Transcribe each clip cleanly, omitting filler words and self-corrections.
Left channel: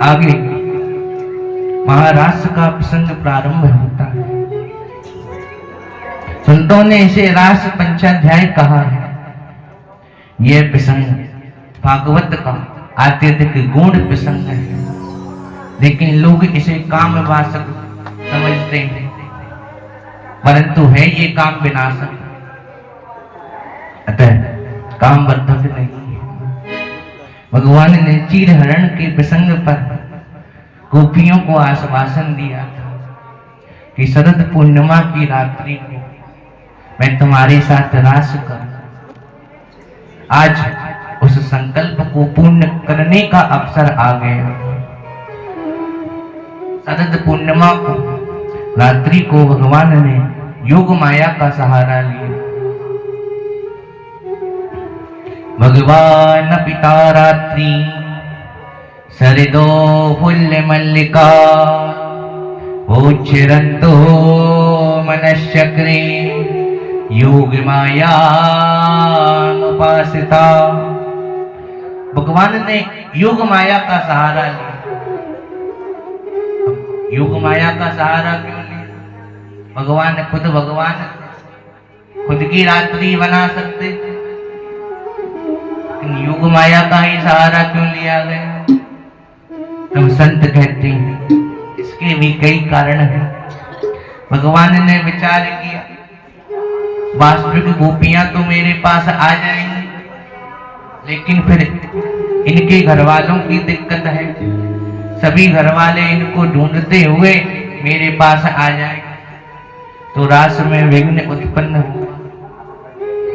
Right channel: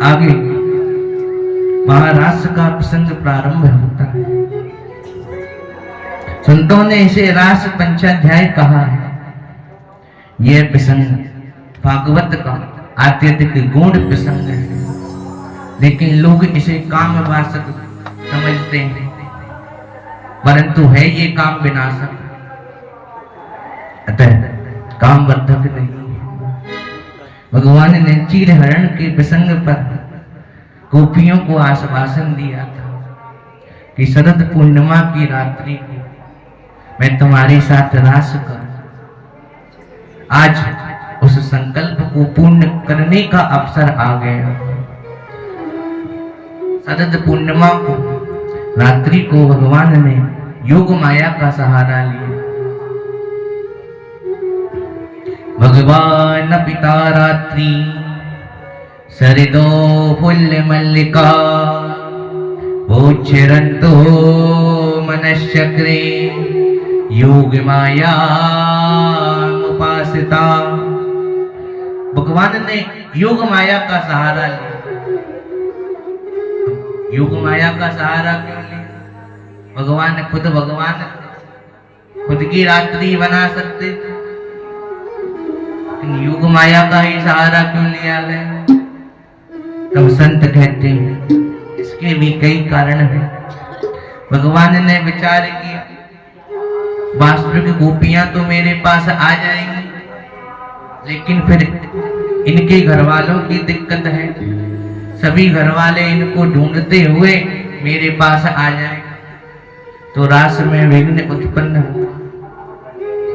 आगे महारास का प्रसंग प्रारंभ होता है। संतों ने इसे रास पंचाध्याय कहा है। यह प्रसंग भागवत का अत्यधिक गूढ़ प्रसंग है, लेकिन लोग इसे काम वासक समझते हैं, परंतु है ये काम विनाशक, अतः काम बद्धक नहीं है। भगवान ने चीरहरण के प्रसंग पर गोपियों को आश्वासन दिया था कि शरद पूर्णिमा की रात्रि को मैं तुम्हारे साथ रास करूं। आज उस संकल्प को पूर्ण करने का अवसर आ गया। शरद पूर्णिमा को रात्रि को भगवान ने योग माया का सहारा लिया। भगवान पिता रात्रि शरदो फुल्ल मल्लिका उच्छिरन्तो मनश्चक्रे योग माया उपासिता। भगवान ने योग माया का सहारा लिया। योग माया का सहारा क्यों लिया? भगवान खुद की रात्रि बना सकते, योग माया का ही सहारा क्यों लिया गया? तो संत कहते हैं इसके भी कई कारण हैं। भगवान ने विचार किया, वास्तविक गोपियां तो मेरे पास आ जाएंगी, लेकिन फिर इनके घर वालों की दिक्कत है। सभी घर वाले इनको ढूंढते हुए मेरे पास आ जाएंगे, तो रास में विघ्न उत्पन्न होगा।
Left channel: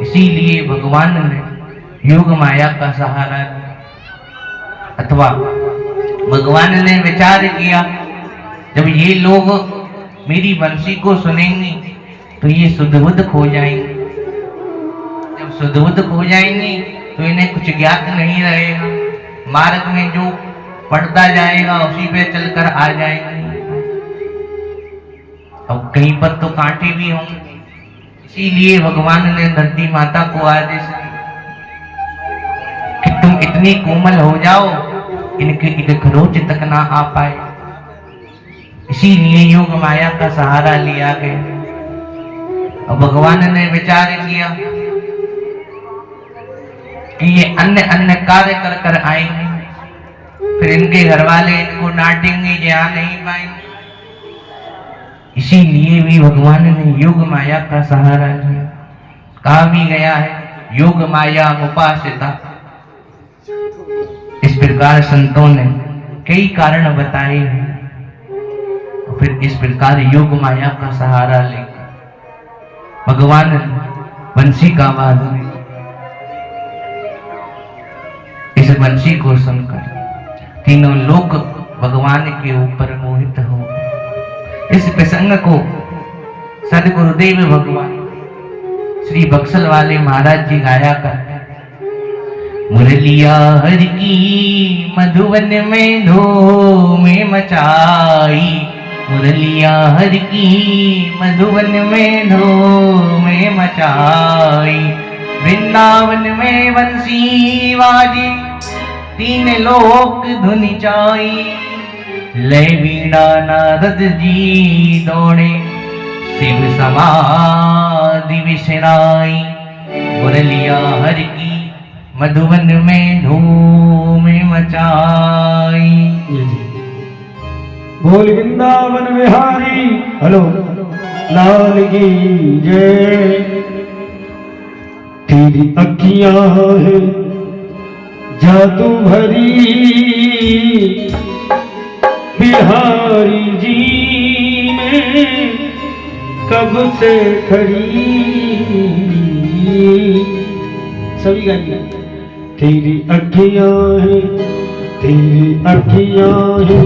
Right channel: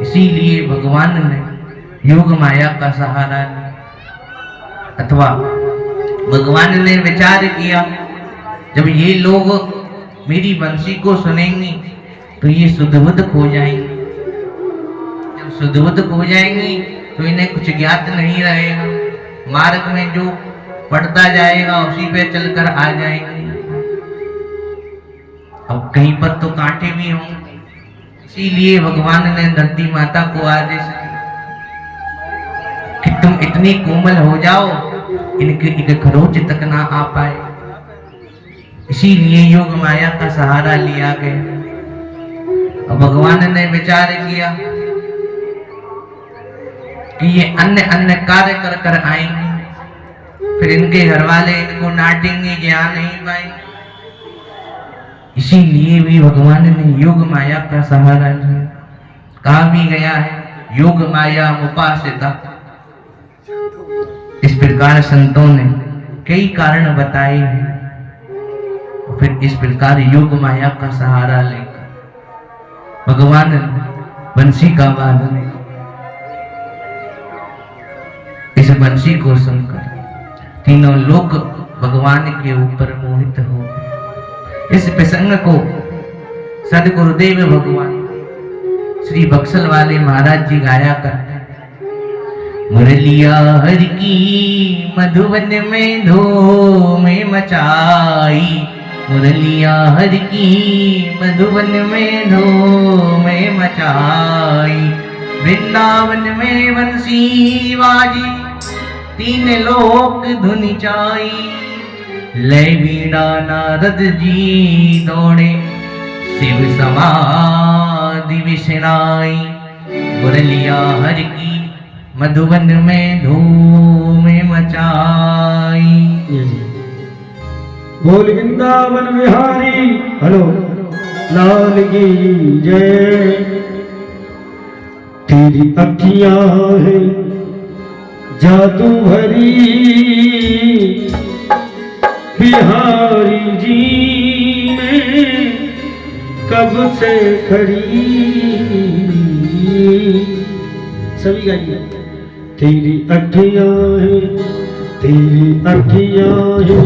इसीलिए भगवान ने योग माया का सहारा लिया। अथवा भगवान ने विचार किया, जब ये लोग मेरी बंसी को सुनेंगे तो ये शुद्धबुद्ध खो जाएंगे। जब शुद्धबुद्ध खो जाएंगे तो इन्हें कुछ ज्ञात नहीं रहेगा, मार्ग में जो पढ़ता जाएगा उसी पे चलकर आ जाएंगे। अब कहीं पर तो कांटे भी होंगे, इसीलिए भगवान ने धरती माता को आदेश दिया कि तुम इतनी कोमल हो जाओ इनके खरोच तक ना आ पाए। इसीलिए योग माया का सहारा लिया गया। और भगवान ने विचार किया कि ये अन्य कार्य कर कर आएंगे, फिर इनके घर वाले इनको डांटेंगे, यहाँ नहीं पाएंगे। इसीलिए भी भगवान ने योग माया का सहारा लिया। कहा भी गया है योग माया उपासिता। इस प्रकार संतों ने कई कारण बताए हैं, और फिर इस प्रकार योग माया का सहारा लेकर भगवान बंसी का वादन। इस बंसी को सुनकर तीनों लोग भगवान के ऊपर मोहित हो गए। इस प्रसंग को सदगुरुदेव भगवान श्री बक्सल वाले महाराज जी गाया करते। मुरलिया हर की मधुवन में धूम मचाई, मुरलिया हर की मधुवन में धूम मचाई। वृंदावन में बंसी बाजी, तीन लोक धुन चाई। लय वीणा नारद जी दौड़े, शिव समाधि विशराई। मुरलिया हर की मधुवन में धूम मचाई। बोल वृंदावन बिहारी हेलो लाल की जय। तेरी अखियां है जादू भरी, बिहारी जी में कब से खड़ी। सभी गाइए। तेरी अखियां है, तेरी अखियां है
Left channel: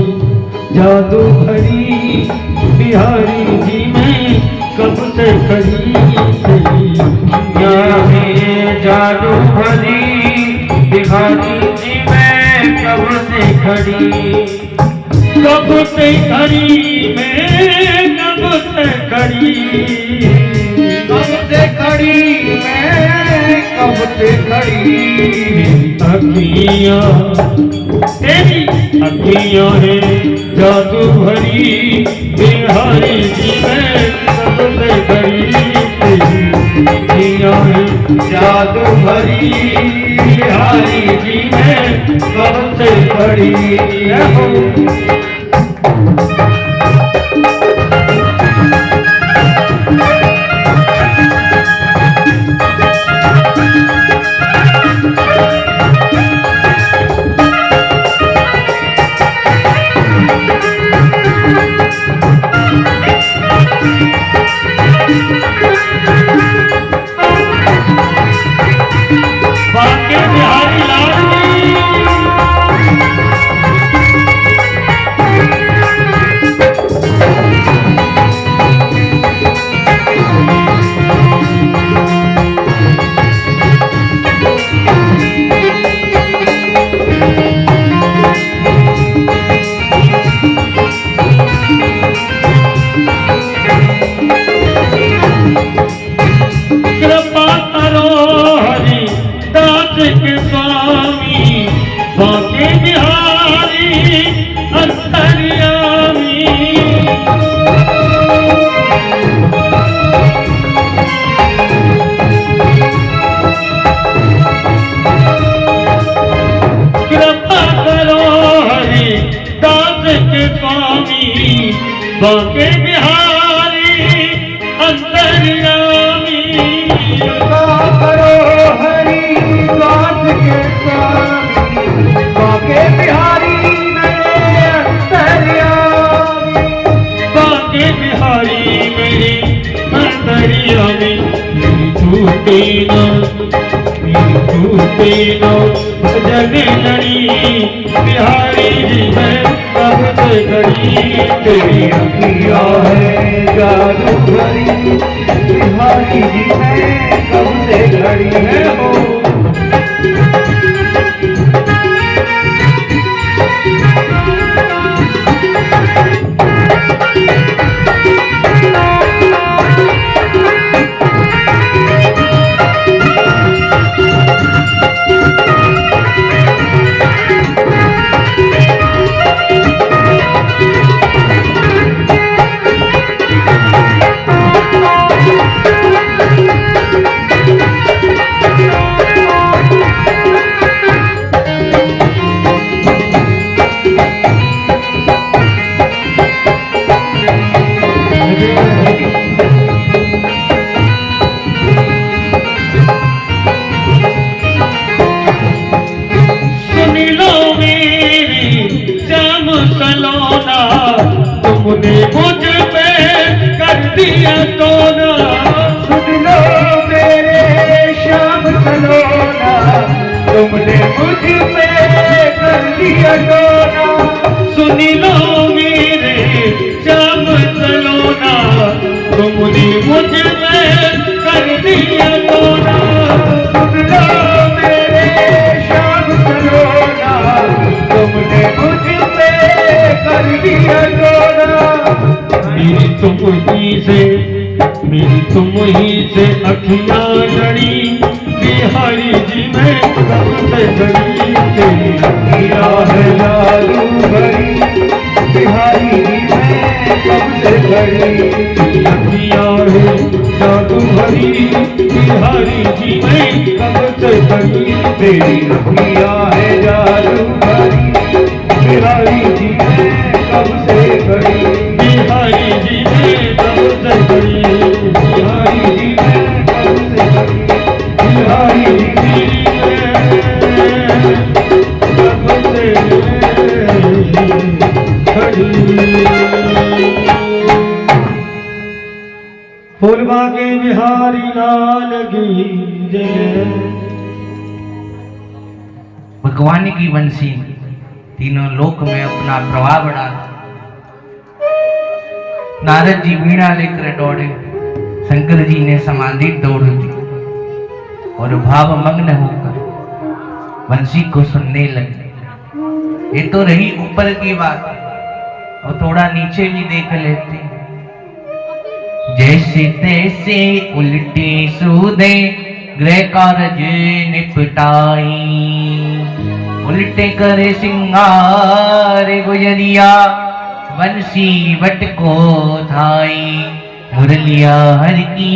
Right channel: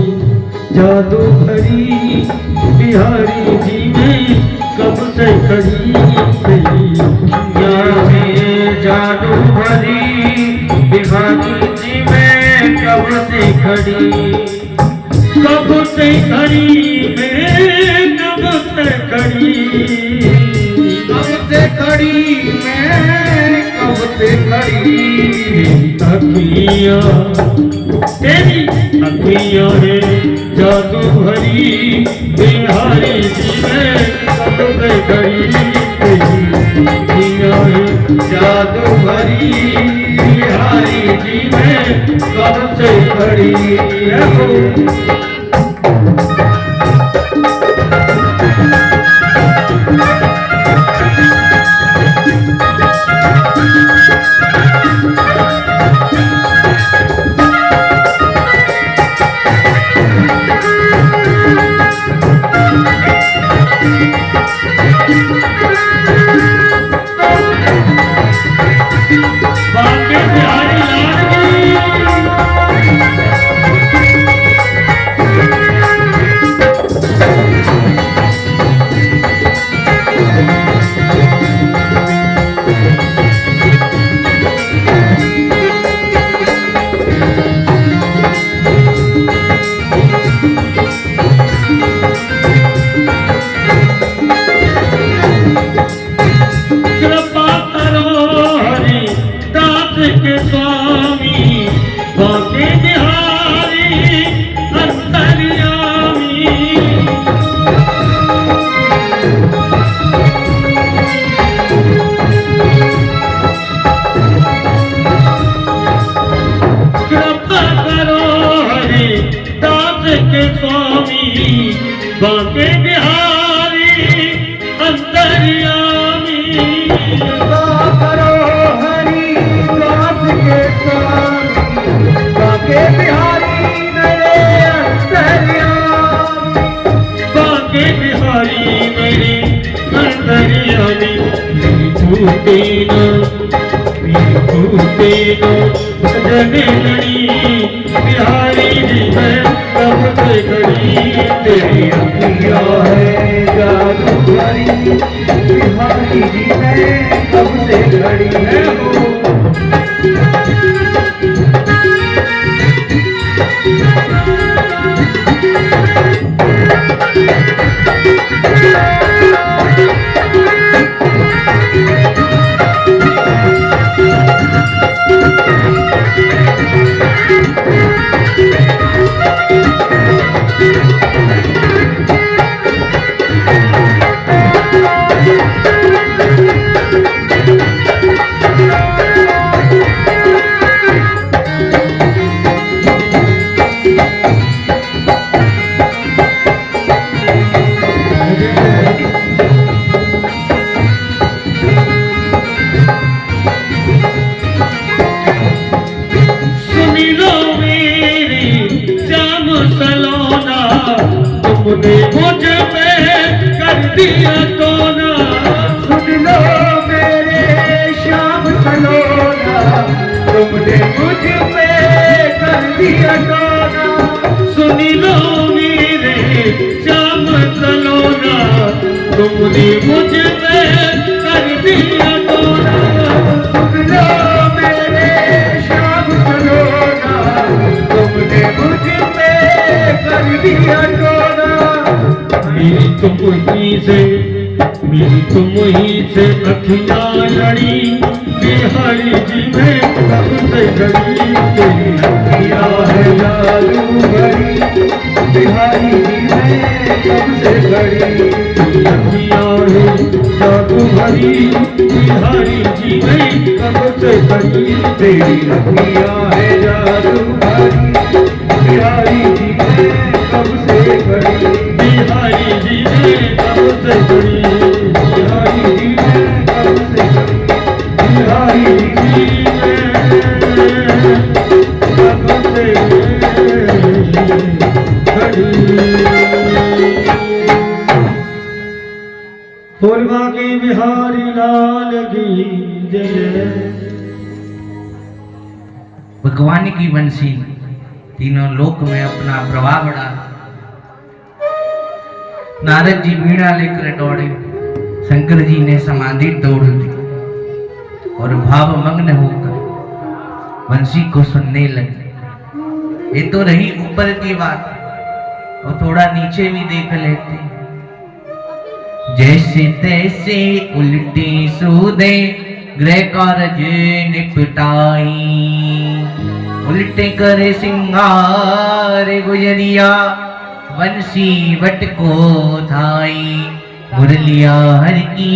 जादू भरी, बिहारी जी में कब से खड़ी। तेरी अखियां है जादू भरी, बिहारी जी में कब से खड़ी। कब से खड़ी मैं कब से खड़ी, कब से खड़ी मैं कब से खड़ी अखियाँ, तेरी अखियाँ है जादू भरी, बिहारी जी में कब से खड़ी, तेरी अखियाँ है जादू भरी, बिहारी जी में कब से खड़ी। बाके बिहारी लाल की कृपा करो हरि दास के स्वामी, बाके बिहारी अंतर्यामी। कृपा करो हरि दास के स्वामी, बाके बिहारी अंतर्यामी। कृपा करो हरि दास के स्वामी, बाके बिहारी मेरे अंतर्यामी। बाके बिहारी मेरे अंतर्यामी। छूटे न भजन लड़ी, बिहारी जी है कब से खड़ी, तेरी प्रिया है जादू भरी, बिहारी जी है कब से खड़ी है हो। तुमने मुझ पे कर दिया टोना, सुन लो मेरे श्याम सलोना, तुमने मुझ पे कर दिया टोना, सुन लो मेरे श्याम सलोना, तुमने मुझ पे कर दिया टोना, सुन लो मेरे श्याम सलोना, तुमने मुझ पे कर दिया टोना। मिली तुम ही से अखियाँ लड़ी, बिहारी जी में कब से लड़ी, तेरी अखियाँ है जादू भरी, बिहारी जी में कब से लड़ी, तेरी अखियाँ है जादू भरी, बिहारी जी में कब से लड़ी, तेरी अखियाँ है जादू भरी, बिहारी जी में कब से खड़ी, बिहारी जी में कब से खड़ी, बिहारी जी में कब से खड़ी, बिहारी जी में कब से खड़ी। फूलवा के बिहारी लाल की जय। भगवान की वंशी तीनों लोक में अपना प्रभाव बढ़ा। नारद जी वीणा लेकर दौड़े, शंकर जी ने समाधि तोड़ दी और भाव मग्न होकर वंशी को सुनने लगे। ये तो रही ऊपर की बात, और थोड़ा नीचे भी देख लेते। जैसे तैसे उल्टी सूदे गृह कारज निपटाई। उल्टे करे सिंगार गुजरिया बंसी बट को धाई। मुरलिया हर की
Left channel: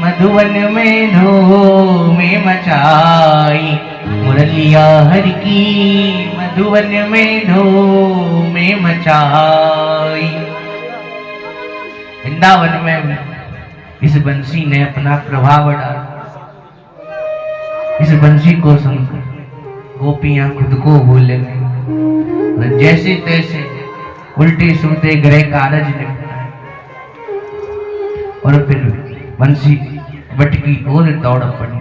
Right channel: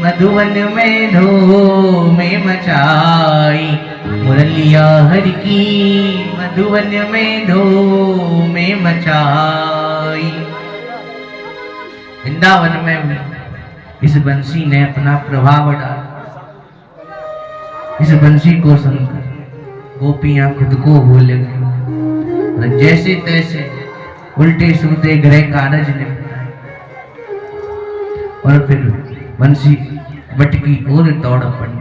मधुवन में धूम मचाई। मुरलिया हर की मधुवन में धूम मचाई। वृंदावन में भी इस बंसी ने अपना प्रभाव डाला। इस बंसी को सुनकर गोपियां खुद को भूले और जैसे तैसे उल्टे सूते गृह कारज ने और फिर बंसी बट की ओर दौड़ पड़ी।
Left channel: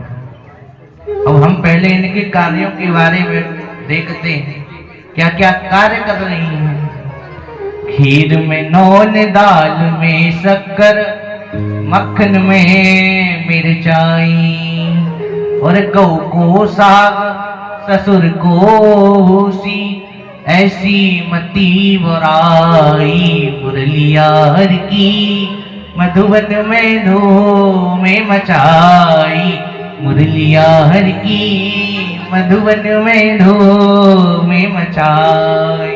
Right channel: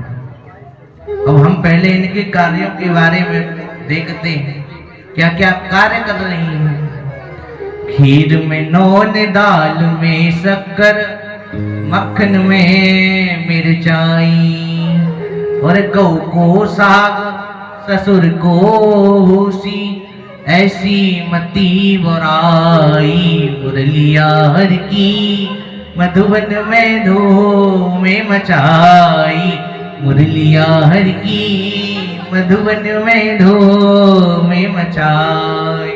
अब हम पहले इनके कार्यों के बारे में देखते हैं, क्या क्या कार्य कर रही हैं। खीर में नौन, दाल में शक्कर, मक्खन में मिर्चाई। और गौ को साग, ससुर को होसी, ऐसी मती बुराई। मुरलिया हर की मधुवन में धूम मचाई। मुरलिया हर की मधुवन में धूम मचाई।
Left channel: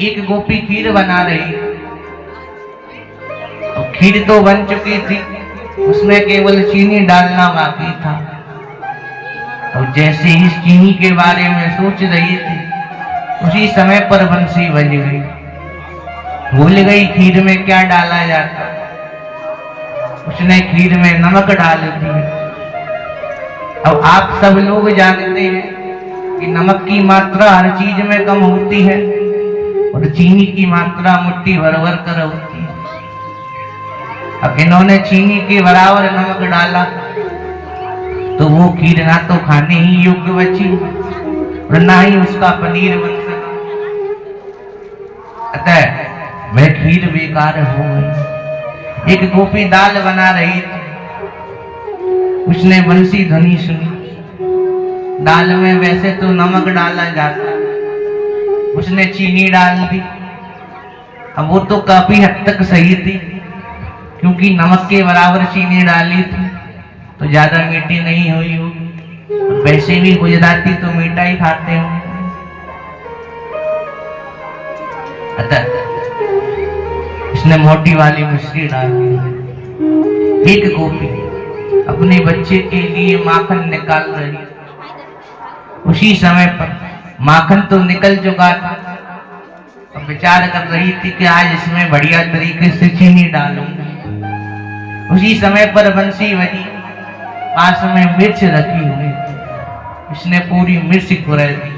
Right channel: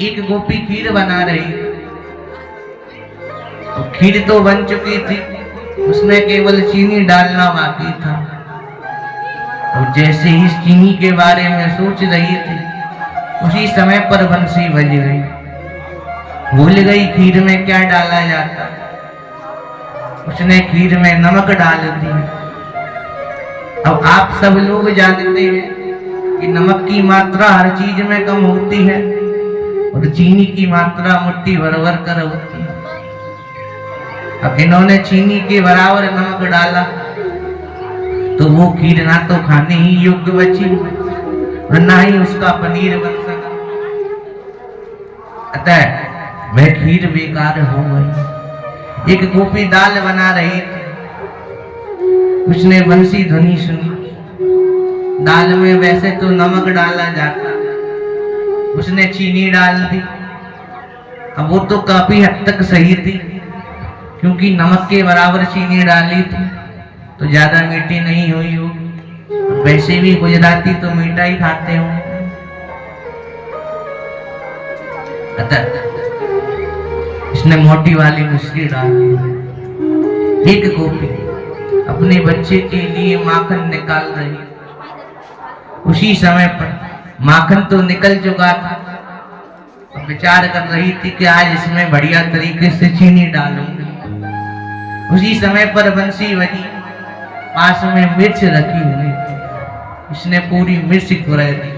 एक गोपी खीर बना रही, तो खीर तो बन चुकी थी, उसमें केवल चीनी डालना बाकी था। और जैसे ही चीनी के बारे में सोच रही थी, उसी समय पर बंसी बज गई। भूल गई खीर में क्या डाला जाता। उसने खीर में नमक डाल दिया। अब आप सब लोग जानते हैं कि नमक की मात्रा हर चीज में कम होती है और चीनी की मात्रा मुट्ठी भर भर कर होती है। अब इन्होंने चीनी के बराबर नमक डाला तो वो खीर ना तो खाने ही योग्य बची और ना ही उसका पनीर बन सका। अतः वह खीर बेकार हो गई। एक गोपी दाल बना रही थी, उसने बंसी ध्वनि सुनी। दाल में वैसे तो नमक डाला जाता, उसने चीनी डाल दी। अब वो तो काफी हद तक सही थी, क्योंकि नमक के बराबर चीनी डाली थी तो ज्यादा मीठी नहीं हुई होगी। और वैसे भी गुजराती तो मीठा ही खाते हो। अतः इसने मोटी वाली मिश्री डाल दी। एक गोपी अपने बच्चे के लिए माखन निकाल रही। उसी समय पर माखन तो निकल चुका था। अब विचार कर रही थी कि आज इसमें बढ़िया तरीके से चीनी डालूंगी। उसी समय पर बंसी बजी। पास में मिर्च रखी हुई, इसने पूरी मिर्च खुराई दी।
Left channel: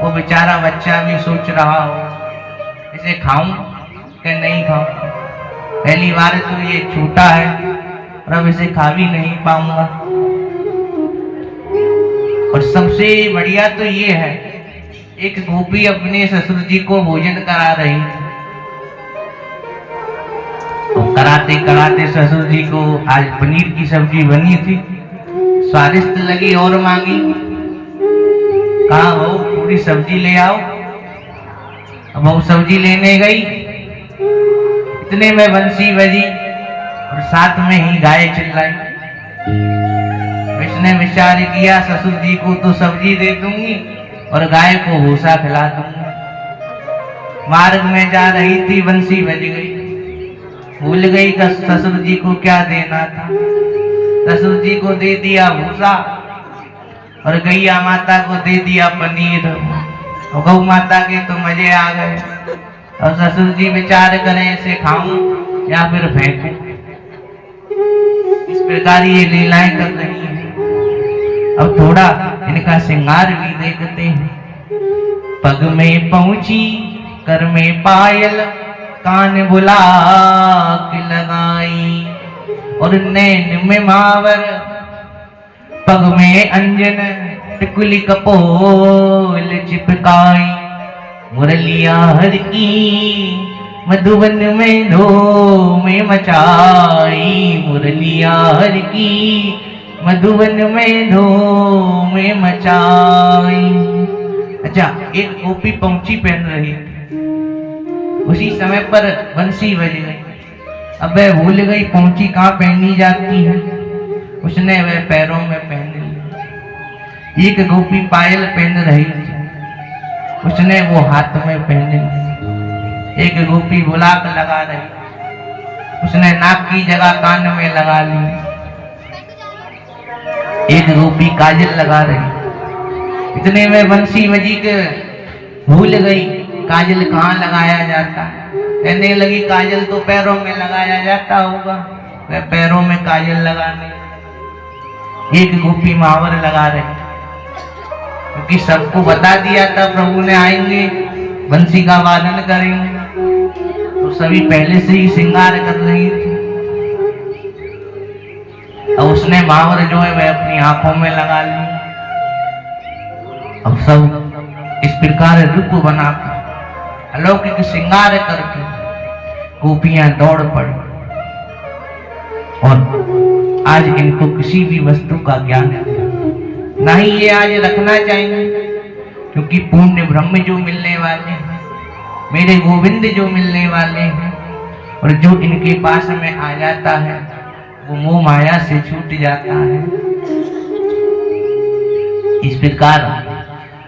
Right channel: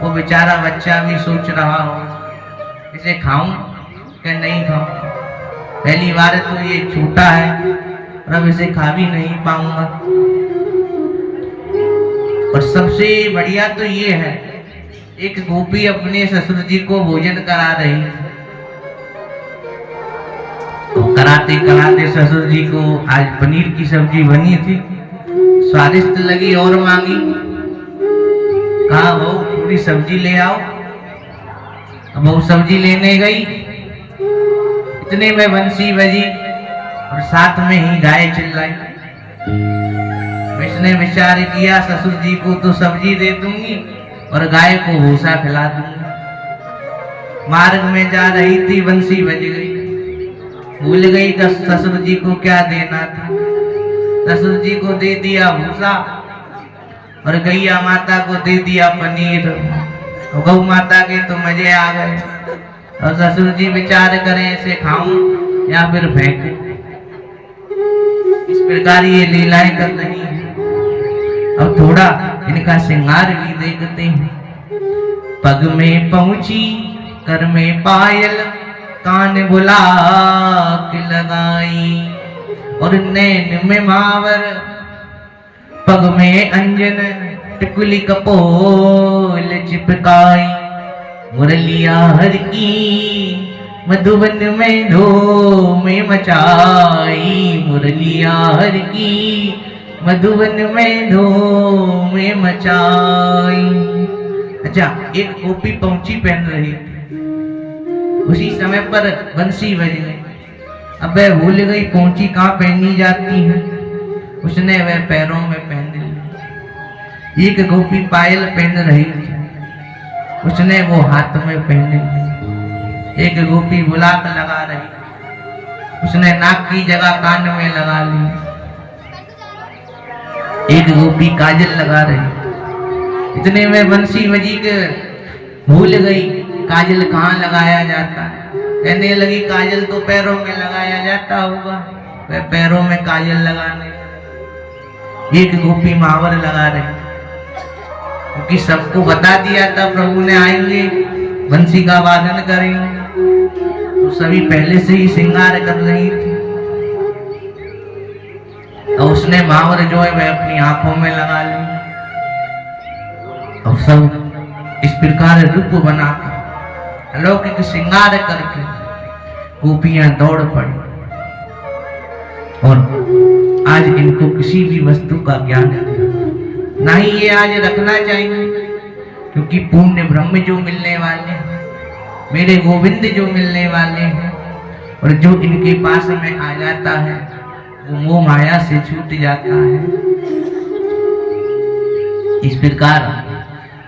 वो बेचारा बच्चा भी सोच रहा हो, इसे खाऊं कि नहीं खाऊं। पहली बार तो ये छोटा है और अब इसे खा भी नहीं पाऊंगा। और सबसे बढ़िया तो ये है, एक गोपी अपने ससुर जी को भोजन करा रही। तो कराते कराते ससुर जी को आज पनीर की सब्जी बनी थी, स्वादिष्ट लगी और मांगी। कहा हो पूरी सब्जी ले आओ। अब वो सब्जी लेने गई, इतने में बंसी बजी और साथ में ही गाय चिल्लाई। इसने विचार किया ससुर जी को तो सब्जी दे दूंगी और गाय को भूसा खिला दूंगी। मार्ग में जा रही थी, बंसी बज गई। भूल गई ससुर जी को क्या देना था। ससुर जी को दे दिया भूसा और गैया माता को दे दिया पनीर। और गौ माता के तो मजे आ गए। और ससुर जी विचार करें इसे खाऊं या फिर फेंकूं। इस प्रकार ये लीलाएं कर रही है। अब थोड़ा इनका श्रृंगार भी देखते हैं। पग में पहुंची, कर में पायल, कान बुलाक लगाई। और नैन में मावर, पग में अंजन, टिकुली कपोल चिपकाई। मुरलिया हर की मधुबन में धूम मचाई। मुरलिया हर की मधुबन में धूम मचाई। अच्छा, एक गोपी पहुंची पहन रही, उसी समय पर बंसी बज गई। अब वह भूल गई पहुंची कहाँ पहनी जाती है। उसने वह पैरों में पहन ली। एक गोपी पायल पहन रही थी, उसने वो हाथ में पहन ली। एक गोपी गुलाब लगा रही, उसने नाक की जगह कान में लगा ली। एक गोपी काजल लगा रही, इतने में बंसी बजी के भूल गई काजल कहाँ लगाया जाता। कहने लगी काजल तो पैरों में लगाया जाता होगा। वह पैरों में काजल लगाने। एक गोपी महावर लगा रही, क्योंकि सबको बता दिया था प्रभु ने आएंगे, बंसी का वादन करेंगे, तो सभी पहले से ही श्रृंगार कर रही थी। और उसने महावर जो है वह अपनी आंखों में लगा ली। और सब इस प्रकार रूप बना अलौकिक श्रृंगार करके गोपियां दौड़ पड़ी। और आज इनको किसी भी वस्तु का ज्ञान नहीं, ये आज रखना चाहिए, क्योंकि पुण्य ब्रह्म जो मिलने वाले हैं, मेरे गोविंद जो मिलने वाले हैं, और जो इनके पास में आ जाता है वो मोह माया से छूट जाता है। इस प्रकार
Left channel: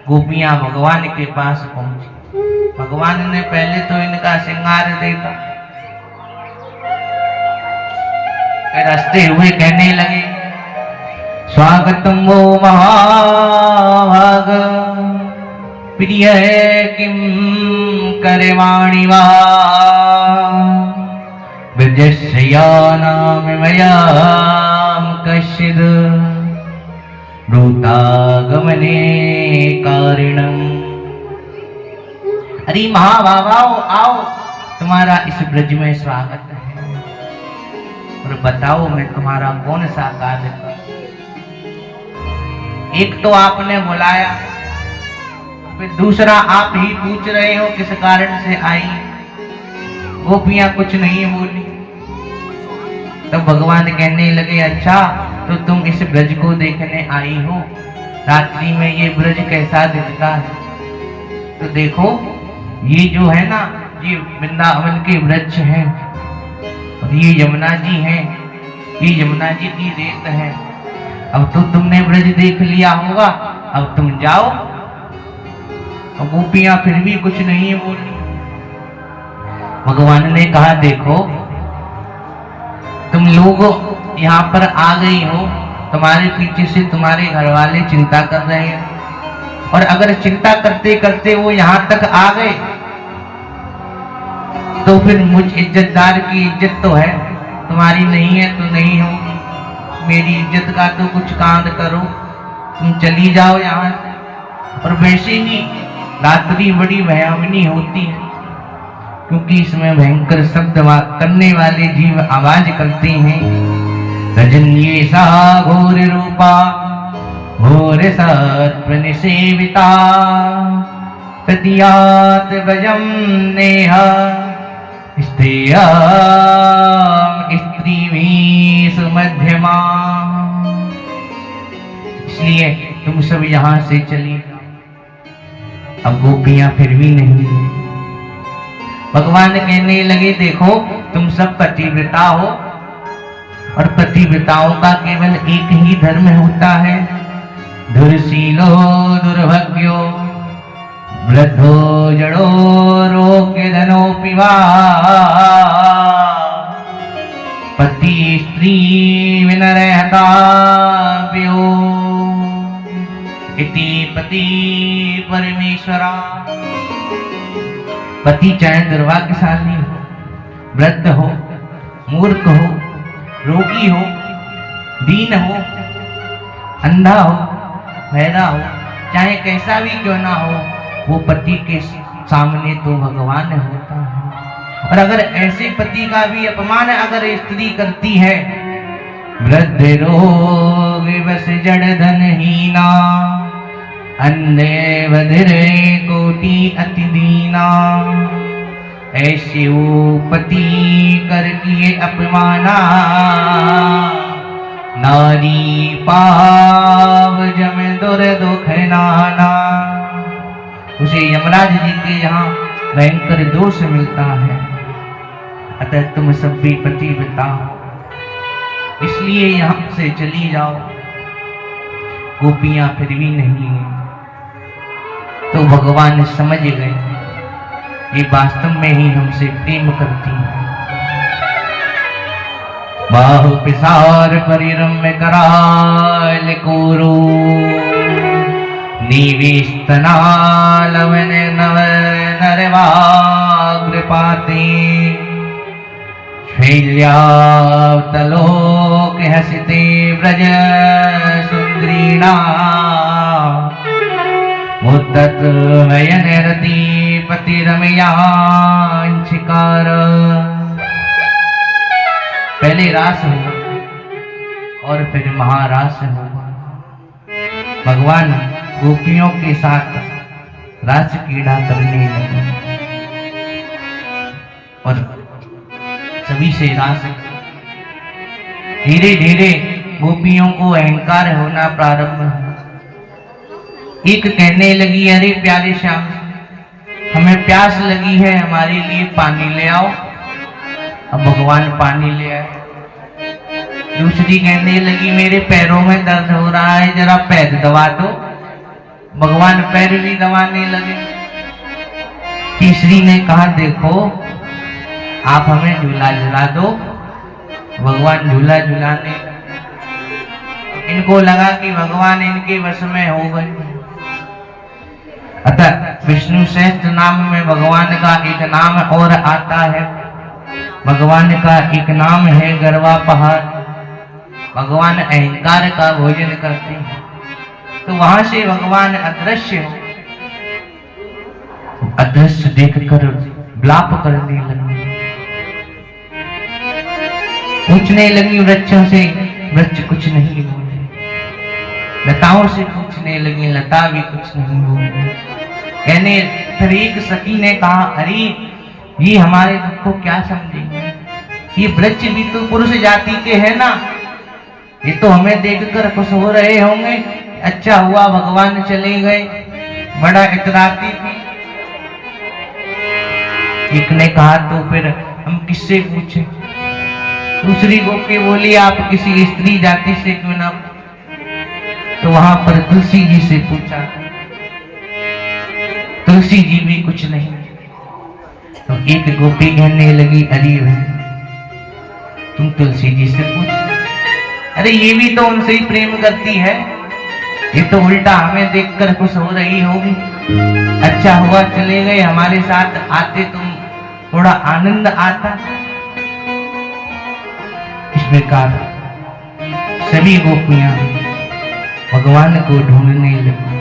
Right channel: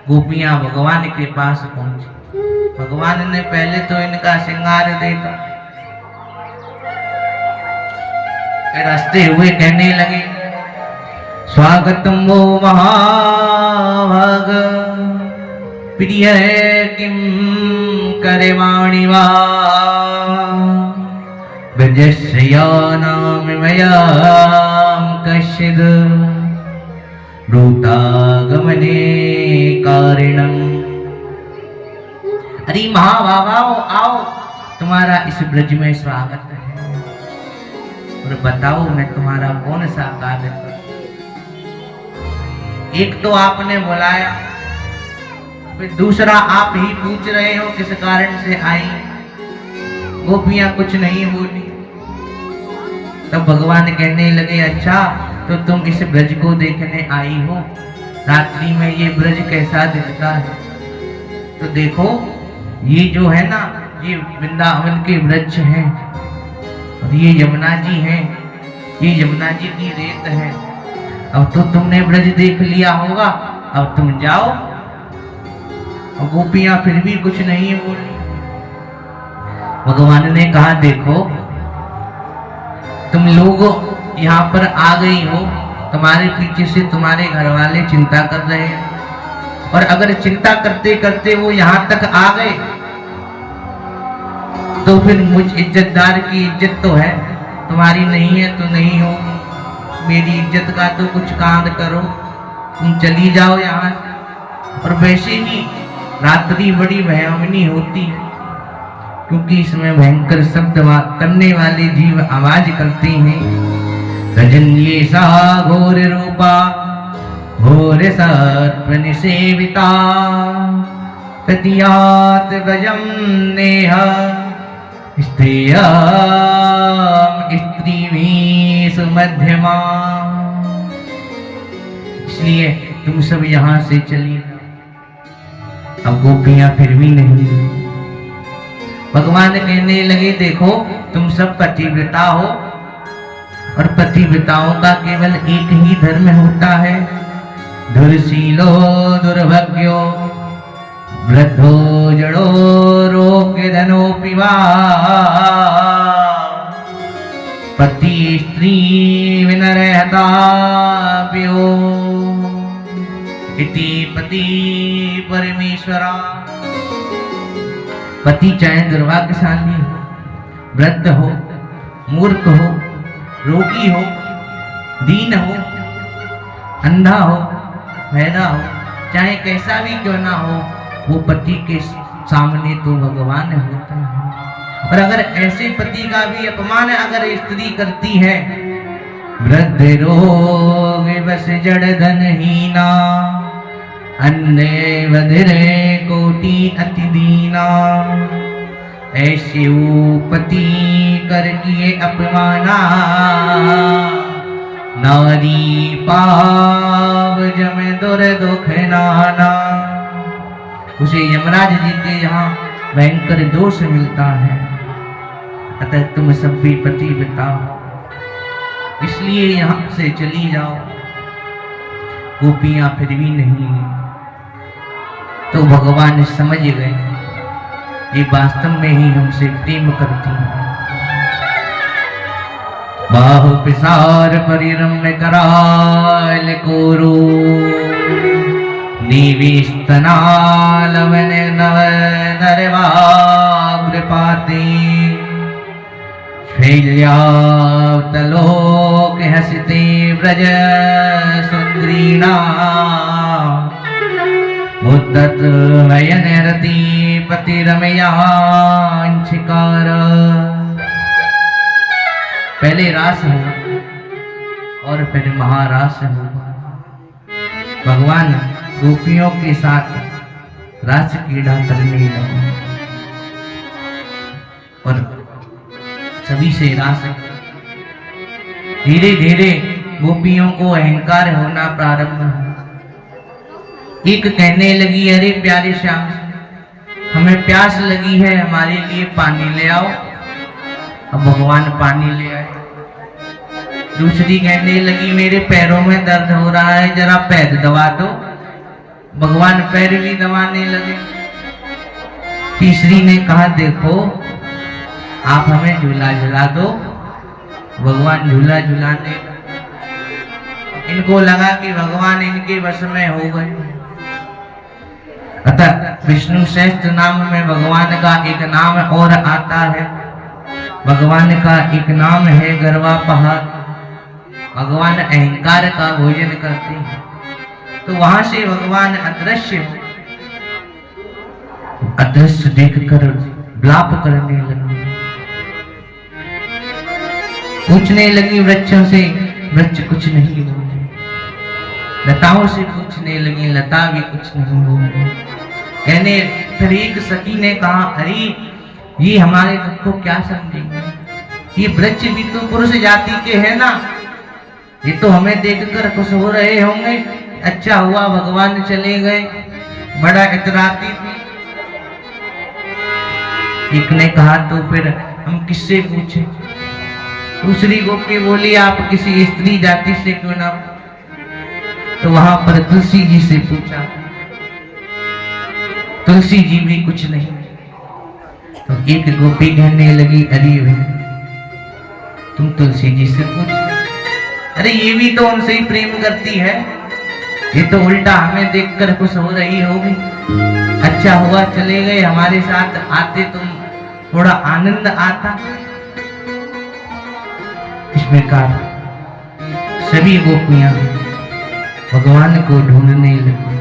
गोपियां भगवान के पास पहुंची। भगवान ने पहले तो इनका श्रृंगार देखा, फिर हंसते हुए कहने लगे स्वागतम वो महाभाग प्रिय किम करवाणि वा ब्रजस्यानाम मयाम कश्चिद भूतागमने कारणम। अरे महाभागाओ आओ, तुम्हारा इस ब्रज में स्वागत है, और बताओ मैं तुम्हारा कौन सा कार्य करूं। एक तो आपने बुलाया, फिर दूसरा आप ही पूछ रहे हो किस कारण से आई। गोपियां कुछ नहीं बोली। तब भगवान कहने लगे अच्छा तो तुम इस ब्रज को देखने आई हो, रात्रि में ये ब्रज कैसा दिखता है। तो देखो ये जो है ना, ये वृंदावन के वृक्ष हैं, और ये यमुना जी हैं, ये यमुना जी की रेत है। अब तो तुमने ब्रज देख लिया होगा, अब तुम जाओ। अब गोपियां फिर भी कुछ नहीं बोली। भगवान ने कहा देखो तुम लोग यहाँ पर आ गई हो, तुम्हारे पीछे से तुम्हारे घर वाले चिंता कर रहे हैं, और अगर चिंता करते करते वो यहाँ तक आ गए तो फिर मुझ इज्जतदार की इज्जत तो है, तुम्हारी नहीं है तो नहीं होगी। मेरी इज्जत का तो कुछ कांड करो, तुम चली जाओ यहाँ। और वैसे ही रात्रि बड़ी भयावनी होती, क्योंकि इसमें भयंकर शब्द करने वाले जीव आवाज करते हैं। रजन्ये सा घोर रूपा घोर सत्व निसेविता प्रतियात भजम नेह स्त्रियम स्त्रीमीषु मध्यमा। इसलिए तुम सब यहाँ से चली। अब गोपियां फिर भी नहीं। भगवान कहने लगे देखो तुम सब पतिव्रता हो, और पतिव्रताओं का केवल एक ही धर्म होता है, दुर्शीलो दुर्भाग्यो वृद्धो जड़ो रोग्य धनोपि वा पति स्त्री विनरहता व्यो इति पति परमेश्वरा। पति चाहे दुर्भाग्यशाली हो, वृद्ध हो, मूर्ख हो, रोगी हो, दीन हो, अंधा हो, बहरा हो, चाहे कैसा भी क्यों ना हो, वो पति के सामने तो भगवान होता है। और अगर ऐसे पति का भी अपमान अगर स्त्री करती है, वृद्ध रोग बस जड़ धनहीना अन्य बधिरे कोटि अति दीना। ऐसे वो पति कर किए अपमाना नारी पाव जम दुर दुख नाना। उसे यमराज जी के यहाँ भयंकर दोष मिलता है। अतः तुम सब भी पतिव्रता हो, इसलिए यहाँ से चली जाओ। गोपियां फिर भी नहीं है। तो भगवान समझ गए ये वास्तव में ही हमसे प्रेम करती हैं। बाहु पिसार परिरम्य कराल कोरो निविस्तनालवन नव नरवाग्रपाते शैल्यावतलोक हसिते व्रज सुंदरीना मुद्दत नयन रति पति रमयांशिकार। पहले रास होगा और फिर महारास होगा। भगवान गोपियों के साथ रास क्रीड़ा करने लगे और सभी से रास। धीरे धीरे गोपियों को अहंकार होना प्रारंभ हुआ। एक कहने लगी, अरे प्यारे श्याम, हमें प्यास लगी है, हमारे लिए पानी ले आओ। अब भगवान पानी ले आए। दूसरी कहने लगी, मेरे पैरों में दर्द हो रहा है, जरा पैर दबा दो। भगवान पैर भी दबाने लगे। तीसरी ने कहा, देखो आप हमें झूला झुला दो। भगवान झूला झुलाने। इनको लगा कि भगवान इनके वश में हो गए। अतः विष्णु सहस्त्र नाम में भगवान का एक नाम और आता है। भगवान का एक नाम है गरवा पहाड़। भगवान अहंकार का भोजन करते हैं। तो वहां से भगवान अदृश्य हो। अदृश्य देखकर विलाप करने लगी, पूछने लगी वृक्षों से, वृक्ष कुछ नहीं होंगे। लताओं से पूछने लगी, लता भी कुछ नहीं होंगे। कहने फिर एक सखी ने कहा, अरे ये हमारे दुख को क्या समझेंगे? ये वृक्ष भी तो पुरुष जाति के हैं ना, ये तो हमें देखकर खुश हो रहे होंगे। अच्छा हुआ भगवान चले गए, बड़ा इतराती थी। एक ने कहा, तो फिर हम किससे पूछे? दूसरी गोपी बोली, आप किसी स्त्री जाति से क्यों ना? तो वहां पर तुलसी जी से पूछा, तुलसी जी भी कुछ नहीं। तो एक गोपी कहने लगी, अरे तुम तुलसी जी से पूछ। अरे ये भी तो उनसे ही प्रेम करती है, ये तो उल्टा हमें देखकर खुश हो रही होगी। अच्छा हुआ चले गए, हमारे साथ आते तुम थोड़ा आनंद आता। इस प्रकार सभी गोपियां भगवान को ढूंढने लगी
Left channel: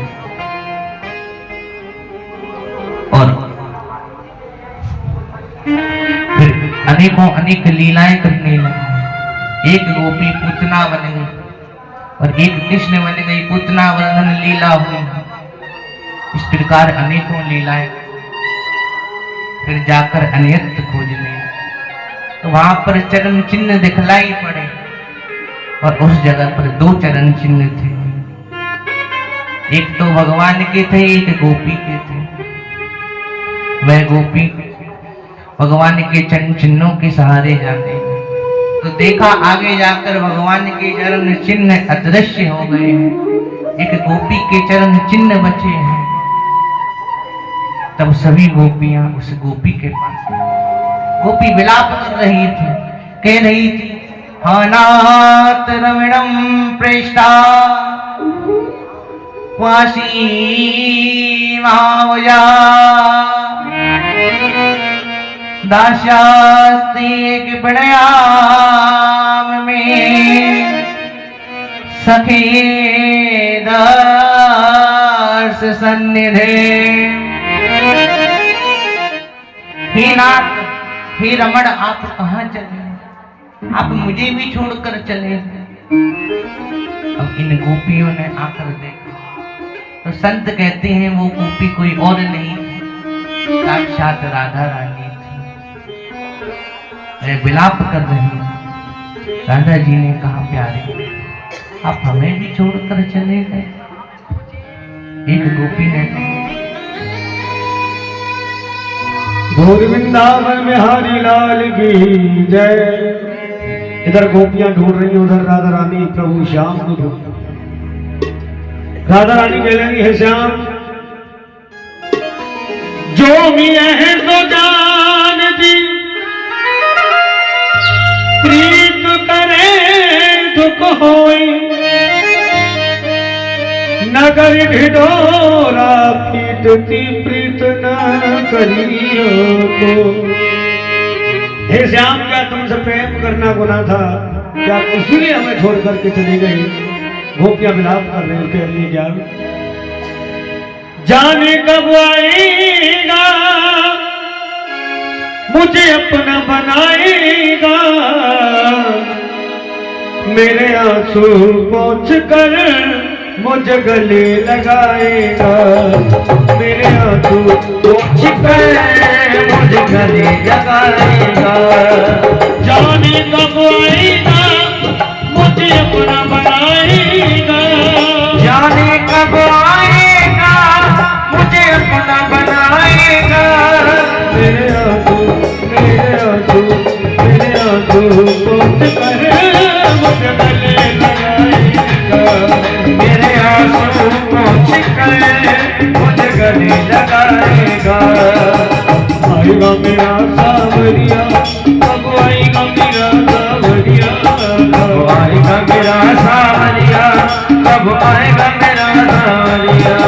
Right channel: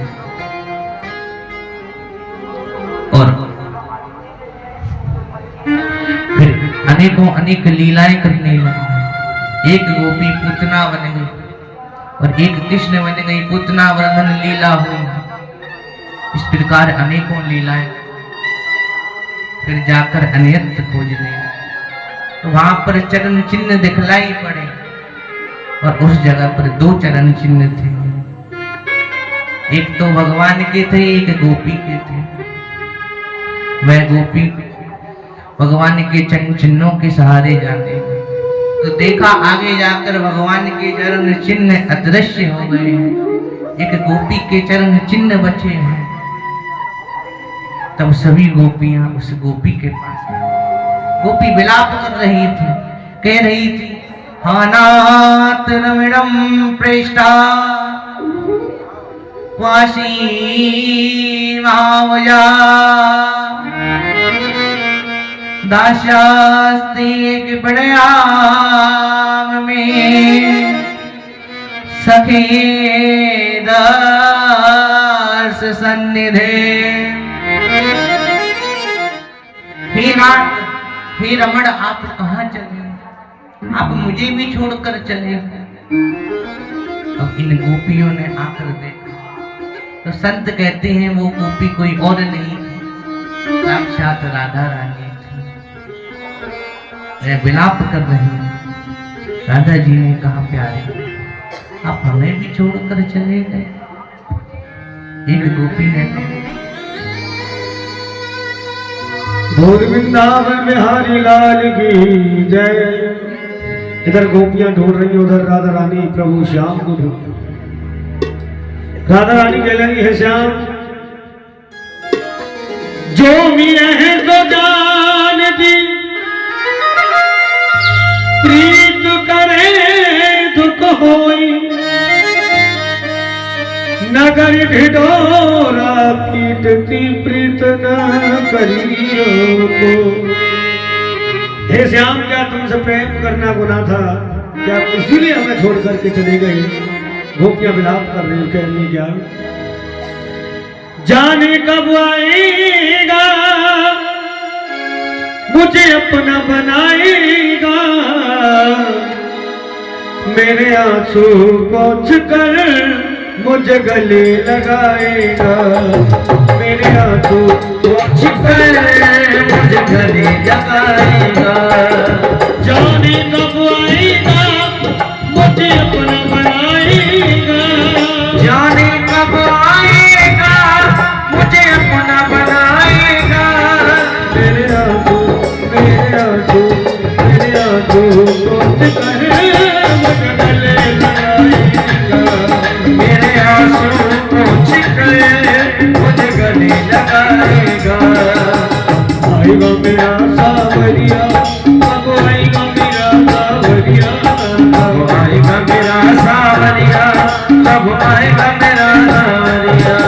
और फिर अनेकों अनेक लीलाएं करने लगी। एक गोपी पूतना बन गई और एक कृष्ण बन गई। पूतना वर्णन लीला हुई। इस प्रकार अनेकों लीलाएं। फिर जाकर अन्यत्र खोजने, तो वहां पर चरण चिन्ह दिखलाई पड़े और उस जगह पर दो चरण चिन्ह थे। एक तो भगवान के थे, एक गोपी के थे। वह गोपी भगवान के चरण चिन्हों के सहारे जाते हैं। तो देखा आगे जाकर भगवान के चरण चिन्ह अदृश्य हो गए हैं, एक गोपी के चरण चिन्ह बचे हैं। तब सभी गोपियां उस गोपी के पास, गोपी विलाप कर रही थी, कह रही थी, अनाथ रमणम प्रेष्ठा वासी मावया दास्यास्ति किपणयाम में सखे दर्श सन्निधे। हे नाथ, हे रमण, आप कहाँ चले? आप मुझे भी छोड़कर चले। अब इन गोपियों ने आकर देखा तो संत कहते हैं वो गोपी कोई और नहीं थी, साक्षात राधा रानी थी। विलाप कर रही। राधा जी ने कहा, प्यारे आप हमें भी छोड़कर चले गए। एक गोपी ने कहा, बोध वृंदावन बिहारी लाल की जय। इधर गोपियां ढूंढ रही, उधर राधा रानी प्रभु श्याम को ढूंढ। राधा रानी कह रही है श्याम जो मिले हैं तो जान दी, प्रीत करे दुख होई, नगर ढिढोरा पीटती प्रीत न करियो को। हे श्याम क्या तुमसे प्रेम करना गुनाह था? क्या इसीलिए हमें छोड़ करके चली गई? गोपियां विलाप कर रहे हो, कह रही क्या जाने कब आएगा मुझे अपना बनाएगा, मेरे आंसू पोंछ कर मुझे गले लगाएगा, मेरे आंसू पोंछ कर मुझे गले लगाएगा, जाने कब आएगा मुझे अपना बनाएगा, जाने कब आएगा मुझे अपना बनाएगा, मेरे आंसू पोंछ कर मुझे गले लगाएगा, मेरे आंसू पोंछ कर मुझे गले लगाएगा। आएगा मेरा सावरिया, कब आएगा मेरा सावरिया, कब आएगा मेरा सावरिया, कब आएगा मेरा सावरिया।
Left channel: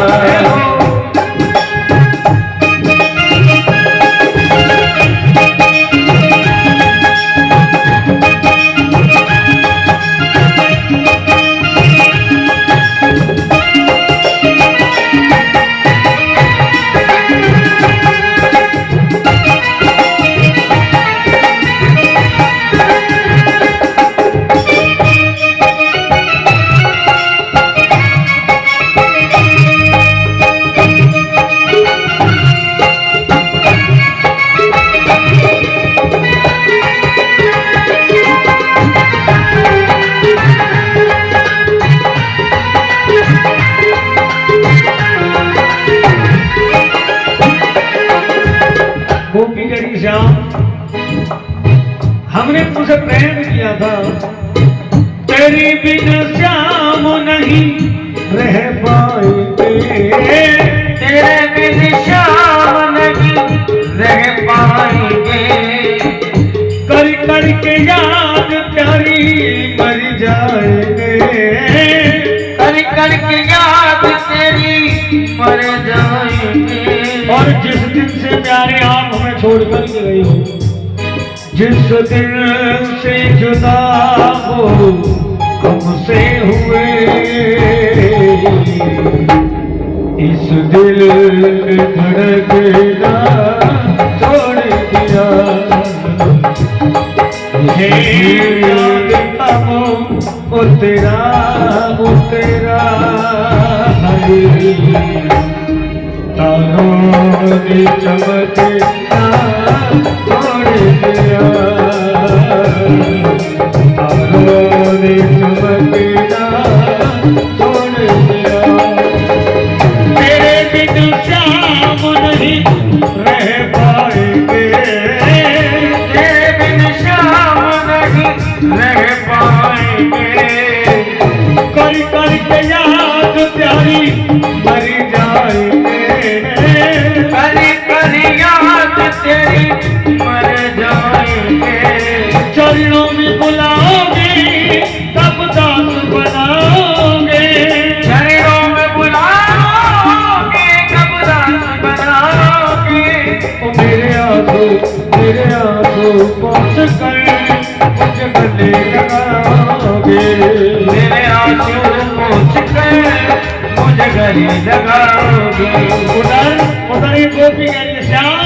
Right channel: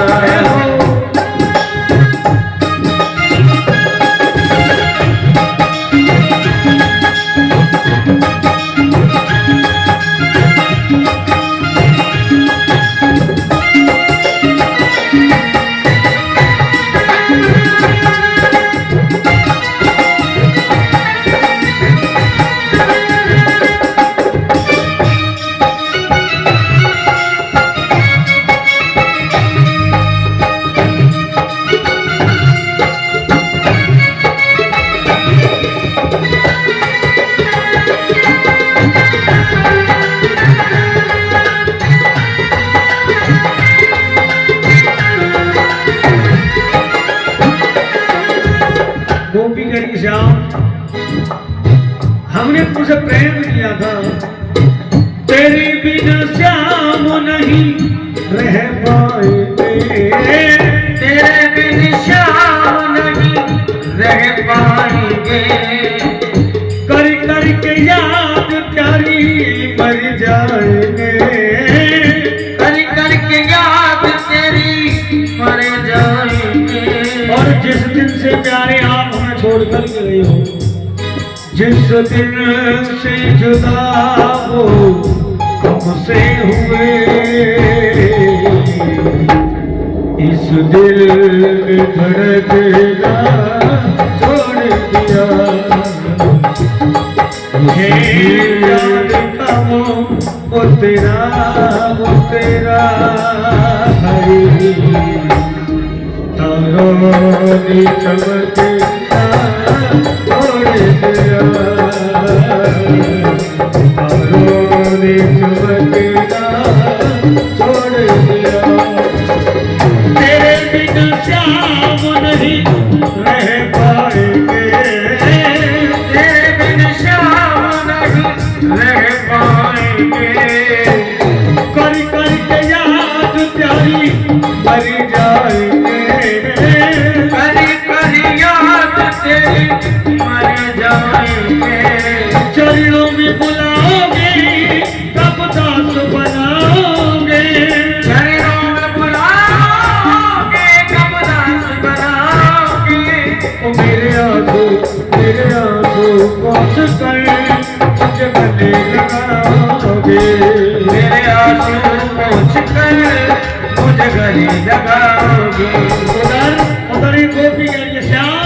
गोपी करी श्याम हमने तुझसे प्रेम किया था, तेरी बिना श्याम नहीं रह पाएंगे, तेरे बिन श्याम नहीं रह पाएंगे, कर करके याद प्यारी मर जाएंगे, कर करके याद तेरी मर जाएंगे। और जिस दिन से प्यारे आप हमें छोड़ कर गए हो, जिस दिन से जुदा हो हमसे हुए, इस दिल धड़कना छोड़ दिया, मुझे याद था वो तेरा हरी तारों ने चमकता छोड़ दिया, तारों ने चमकता छोड़ दिया, तेरे बिना श्याम नहीं रह पाएंगे, तेरे बिन श्याम नहीं रह पाएंगे, कर करके याद प्यारी मर जाएंगे, करी करी याद तेरी मर जाएंगे, चरणों में बुलाओगे तब दास बनाओगे, चरणों में बुलाओगे कब दास बनाओगे, मेरे आंसू पोंछ कर मुझे गले लगाओगे, मेरे आंसू पोंछ कर मुझे गले लगाओगे। उधर एक गोपी गई श्याम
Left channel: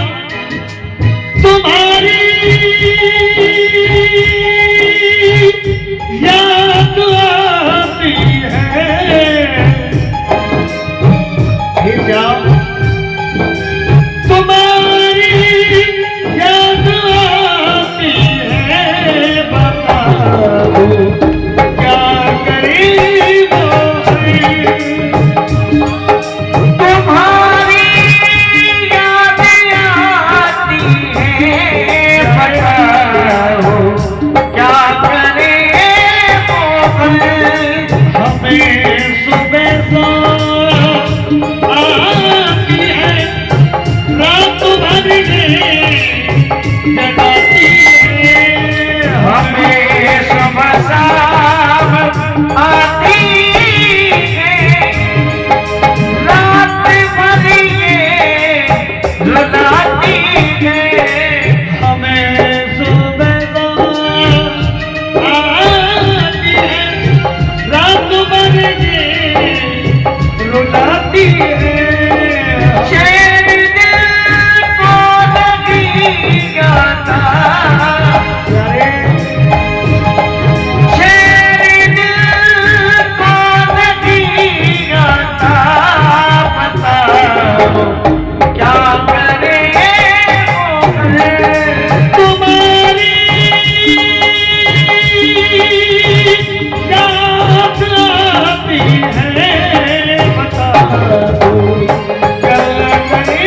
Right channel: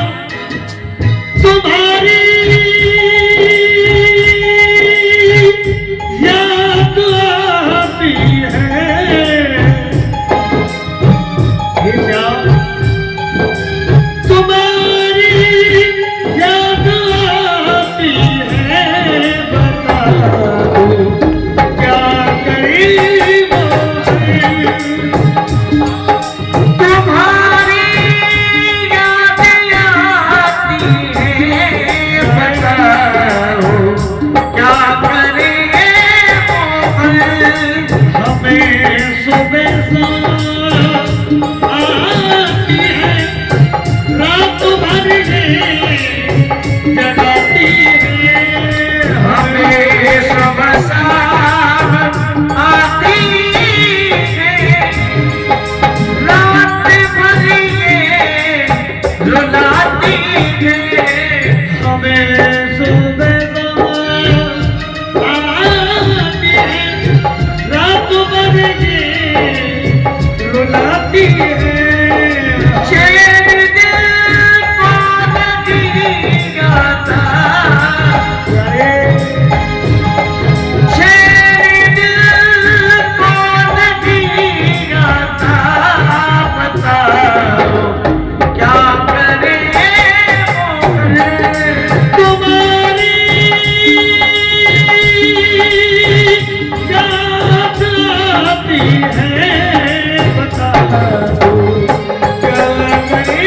तुम्हारी याद आती है, हे श्याम तुम्हारी याद आती है, बता दो क्या करीब है, तुम्हारी रात भर ये जगाती है हमें सब शाम आती है, रात भर ये रुलाती है। हमें सुबह शाम आती है रात भर ये रुलाती है चैन दिल को नहीं आता, चैन दिल को नहीं आता, बताओ क्या करे तुम्हारी याद आती है बताओ क्या करे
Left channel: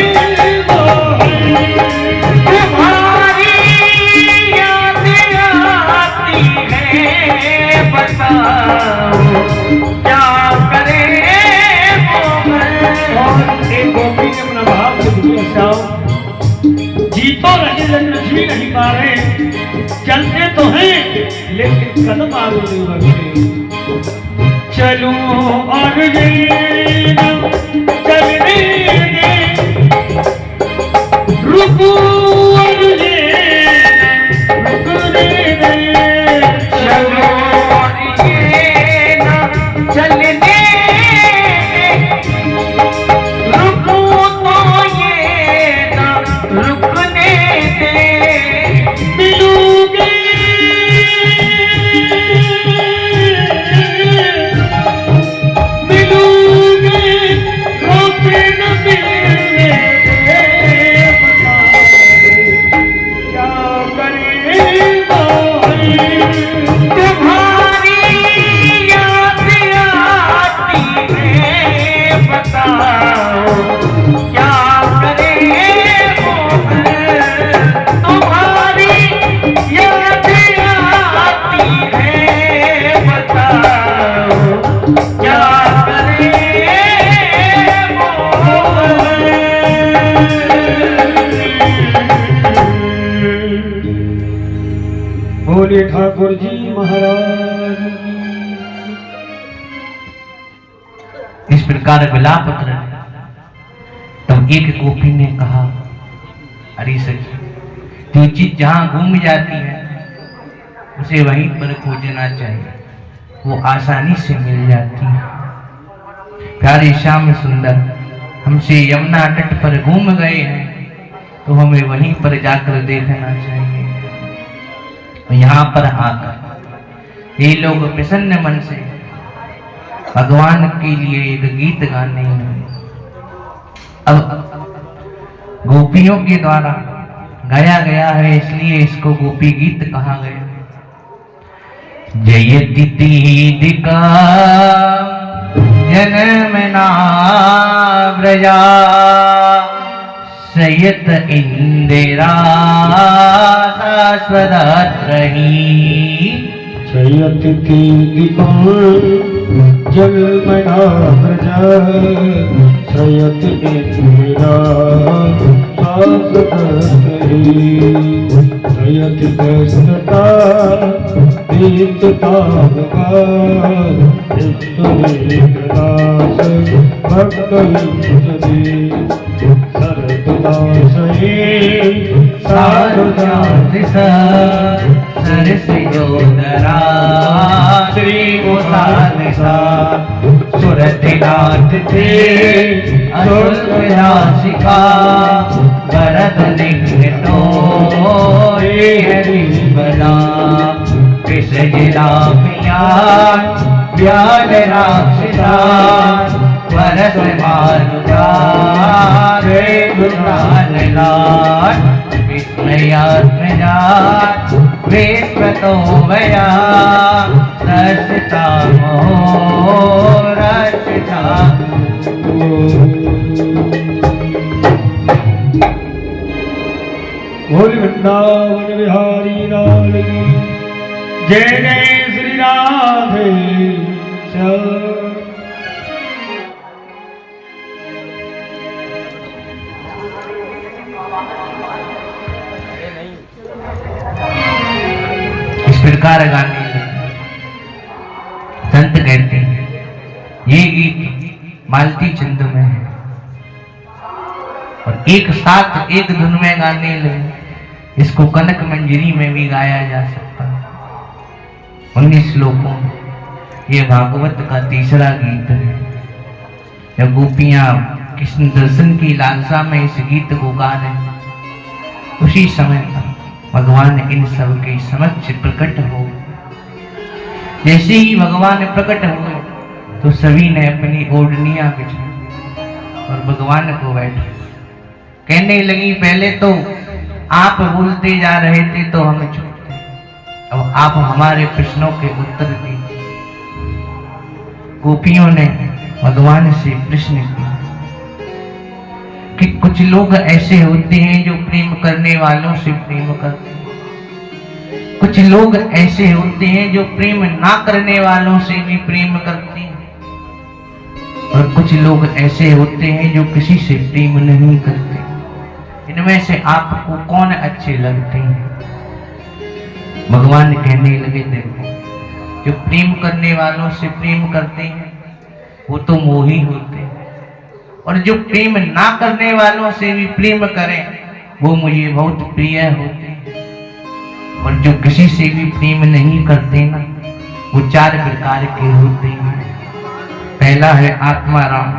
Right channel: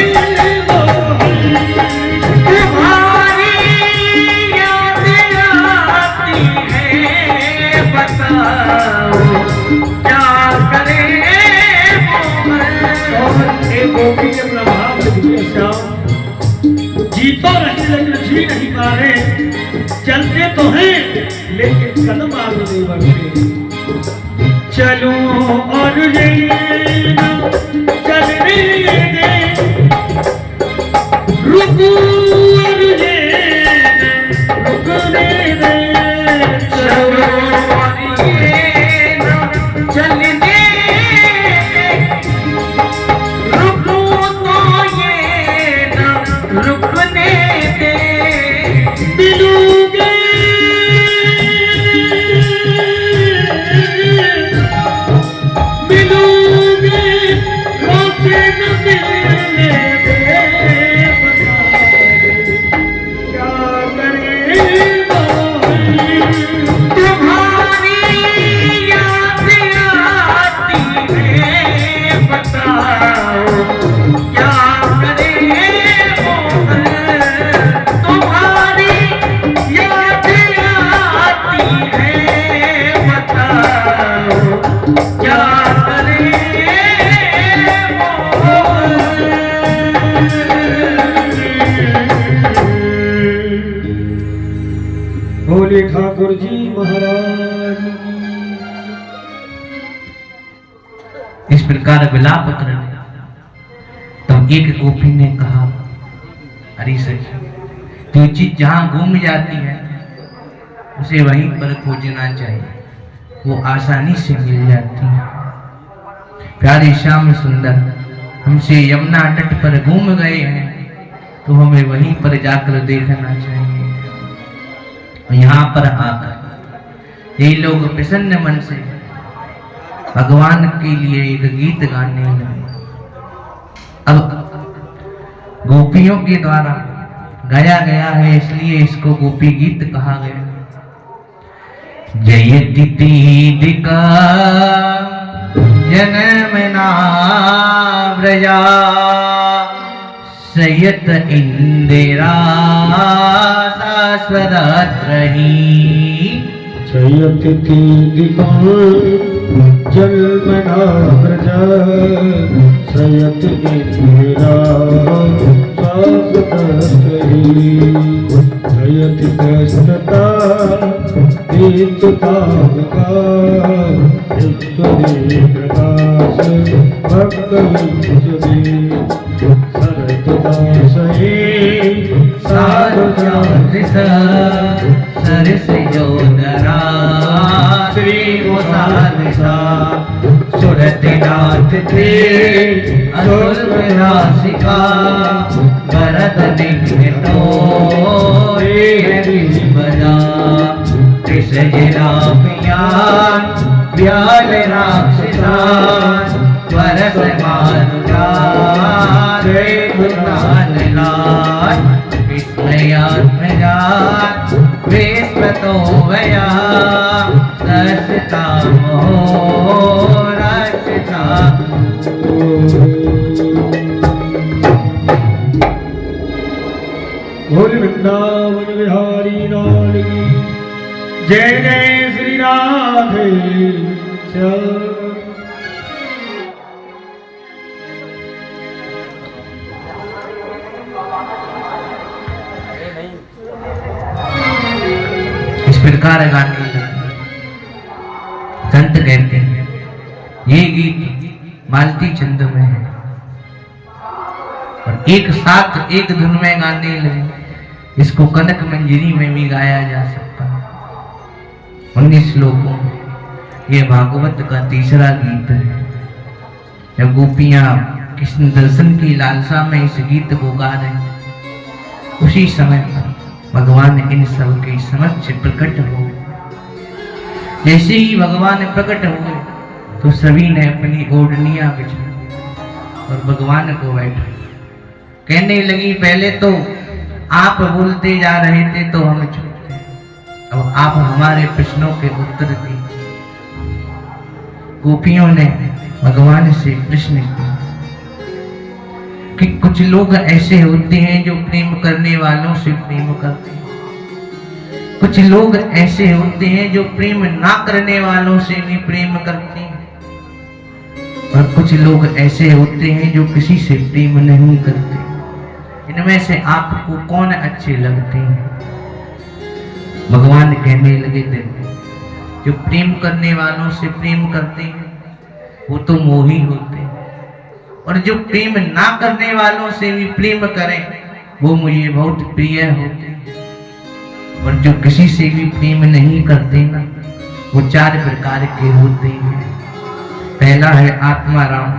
तुम्हारी याद आती है, बताओ क्या करे एक गोपी के प्रभाव से गुजर जी तो रहे लेकिन जी नहीं पा रहे चलते तो हैं लेकिन कदम आगे नहीं बढ़ते चलो और ये ना चलने दे रुको और ये ना रुकने दे चलो ये ना चलने दे, रुको तो ये ना रुकने दे। मिलोगे मिलोगे रोते न मिलने दे क्या करें भाई तुम्हारी याद आती है, बताओ क्या करे तुम्हारी याद आती है, बताओ क्या करे बोले ठाकुर जी महाराज इस प्रकार विलाप रहा। तब एक गोपी ने कहा, अरे सच तो चीज जहां घूम जाती है उसे वहीं पर खोजना चाहिए, वो आसानी से मिल जाती है। प्यारे श्याम सुंदर हमसे यमुना तट पर घूम गए हैं तो हमें वहीं पर जाकर देखना चाहिए। यहाँ पर आकर ये लोग प्रसन्न मन से भगवान के लिए एक गीत गाने लगे। अब गोपियों के द्वारा गाया गया है इसलिए इसको गोपी गीत कहा गया। जयति पीदिका जनमना व्रजा सयत इंदिरा शाश्वतत्रही। जयति दीपान जलमना प्रजा सयति इंदिरा शाश्वतत्रही। जयति कृष्णता दीप्तता ईश्वरी प्रकाश भक्तविंशति सरदासये सारुजाधिसा सरसयोदरा श्री गोसालसा सुरतिनाथ थे असुरराशिका भरत निघ्नो रे हरिवना कृष्ण जिला व्याल राक्षसा परस मानुजा जय भुलान विस्मयात्मजा वेस्पतो मया रसिता मोह रसिता। बोल वृंदावन बिहारी लाल की जय जय श्री राधे श्याम। जयकार गाने लगे। संत कहते हैं ये गीत मालती छंदों है और एक साथ एक धुन में गाने लगे। इसको कनक मंजरी में भी गाया जा सकता है। 19 श्लोकों में ये भागवत का तीसरा गीत है। जब गोपियां कृष्ण दर्शन की लालसा में इस गीत को गा रहे, उसी समय पर भगवान इन सब के समक्ष प्रकट हो। जैसे ही भगवान प्रकट हुए तो सभी ने अपनी ओढ़नियां बिछाई और भगवान को बैठा। कहने लगी पहले तो आप बोलते जा रहे थे तो हम चुप थे, अब आप हमारे प्रश्नों के उत्तर दीजिए। गोपियों ने भगवान से प्रश्न किया कि कुछ लोग ऐसे होते हैं जो प्रेम करने वालों से प्रेम करते हैं, कुछ लोग ऐसे होते हैं जो प्रेम ना करने वालों से भी प्रेम करते हैं, और कुछ लोग ऐसे होते हैं जो किसी से प्रेम नहीं करते। इनमें से आपको कौन अच्छे लगते हैं? भगवान कहने लगे देखो, जो प्रेम करने वालों से प्रेम करते हैं वो तो मोही होते हैं, और जो प्रेम ना करने वालों से भी प्रेम करें वो मुझे बहुत प्रिय होते हैं, और जो किसी से भी प्रेम नहीं करते ना वो 4 प्रकार के होते हैं। पहला है आत्माराम।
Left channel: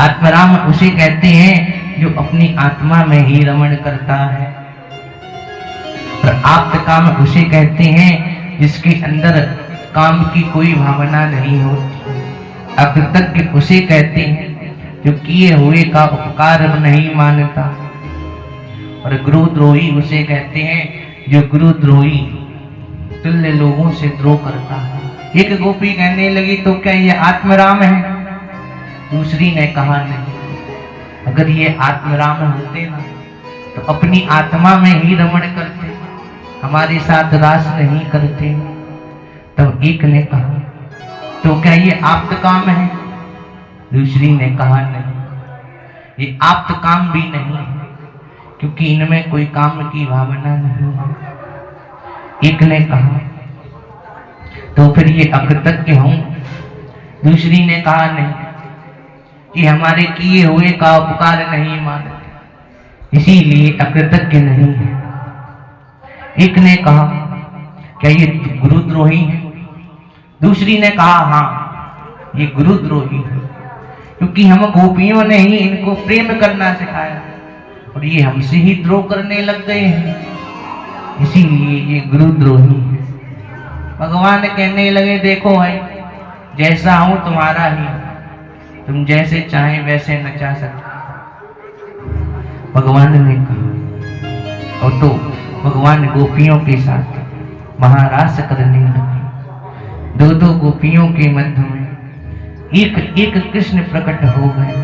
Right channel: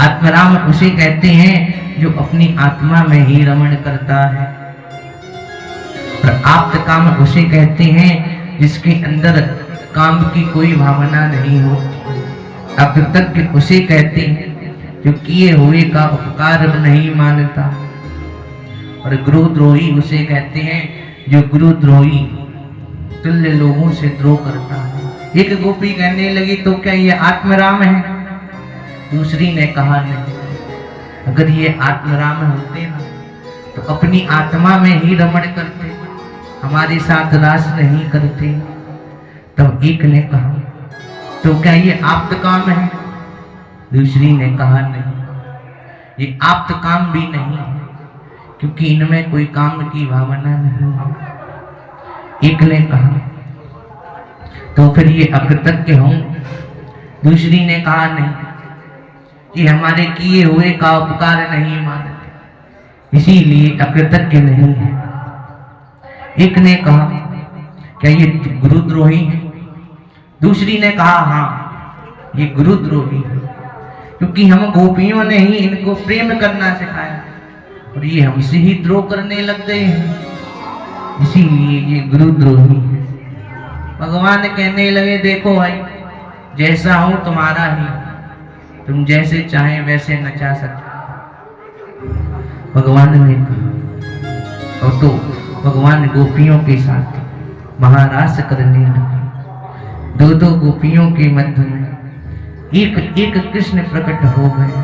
आत्माराम उसे कहते हैं जो अपनी आत्मा में ही रमण करता है। और आप्तकाम उसे कहते हैं जिसके अंदर काम की कोई भावना नहीं होती। अकृतज्ञ उसे कहते हैं जो किए हुए का उपकार नहीं मानता। और गुरुद्रोही उसे कहते हैं जो गुरुद्रोही तुल्य लोगों से द्रोह करता है। एक गोपी कहने लगी तो क्या ये आत्मराम है? दूसरी ने कहा नहीं, अगर ये आत्मराम होते ना तो अपनी आत्मा में ही रमण करते, हमारे साथ रास नहीं करते। तब एक ने कहा तो क्या ये आप्तकाम है? दूसरी ने कहा नहीं, ये आप्तकाम भी नहीं है क्योंकि इनमें कोई काम की भावना नहीं है। एक ने कहा तो फिर ये अकृतज्ञ हूं। दूसरी ने कहा नहीं, कि हमारे किए हुए का उपकार नहीं मानते, इसीलिए अकृतज्ञ नहीं है। एक ने कहा क्या ये गुरुद्रोही है? दूसरी ने कहा हाँ ये गुरुद्रोही है, क्योंकि हम गोपियों ने ही इनको प्रेम करना सिखाया और ये हमसे ही द्रोह करने लग गए हैं, इसीलिए ये गुरुद्रोही है। भगवान कहने लगे देखो भाई, जैसा हूं तुम्हारा ही, तुम जैसे चाहे वैसे नचा सकते। भगवान ने कहा और तो भगवान गोपियों के साथ महारास करने लगे। 2 गोपियों के मध्य में एक एक कृष्ण प्रकट हो गए।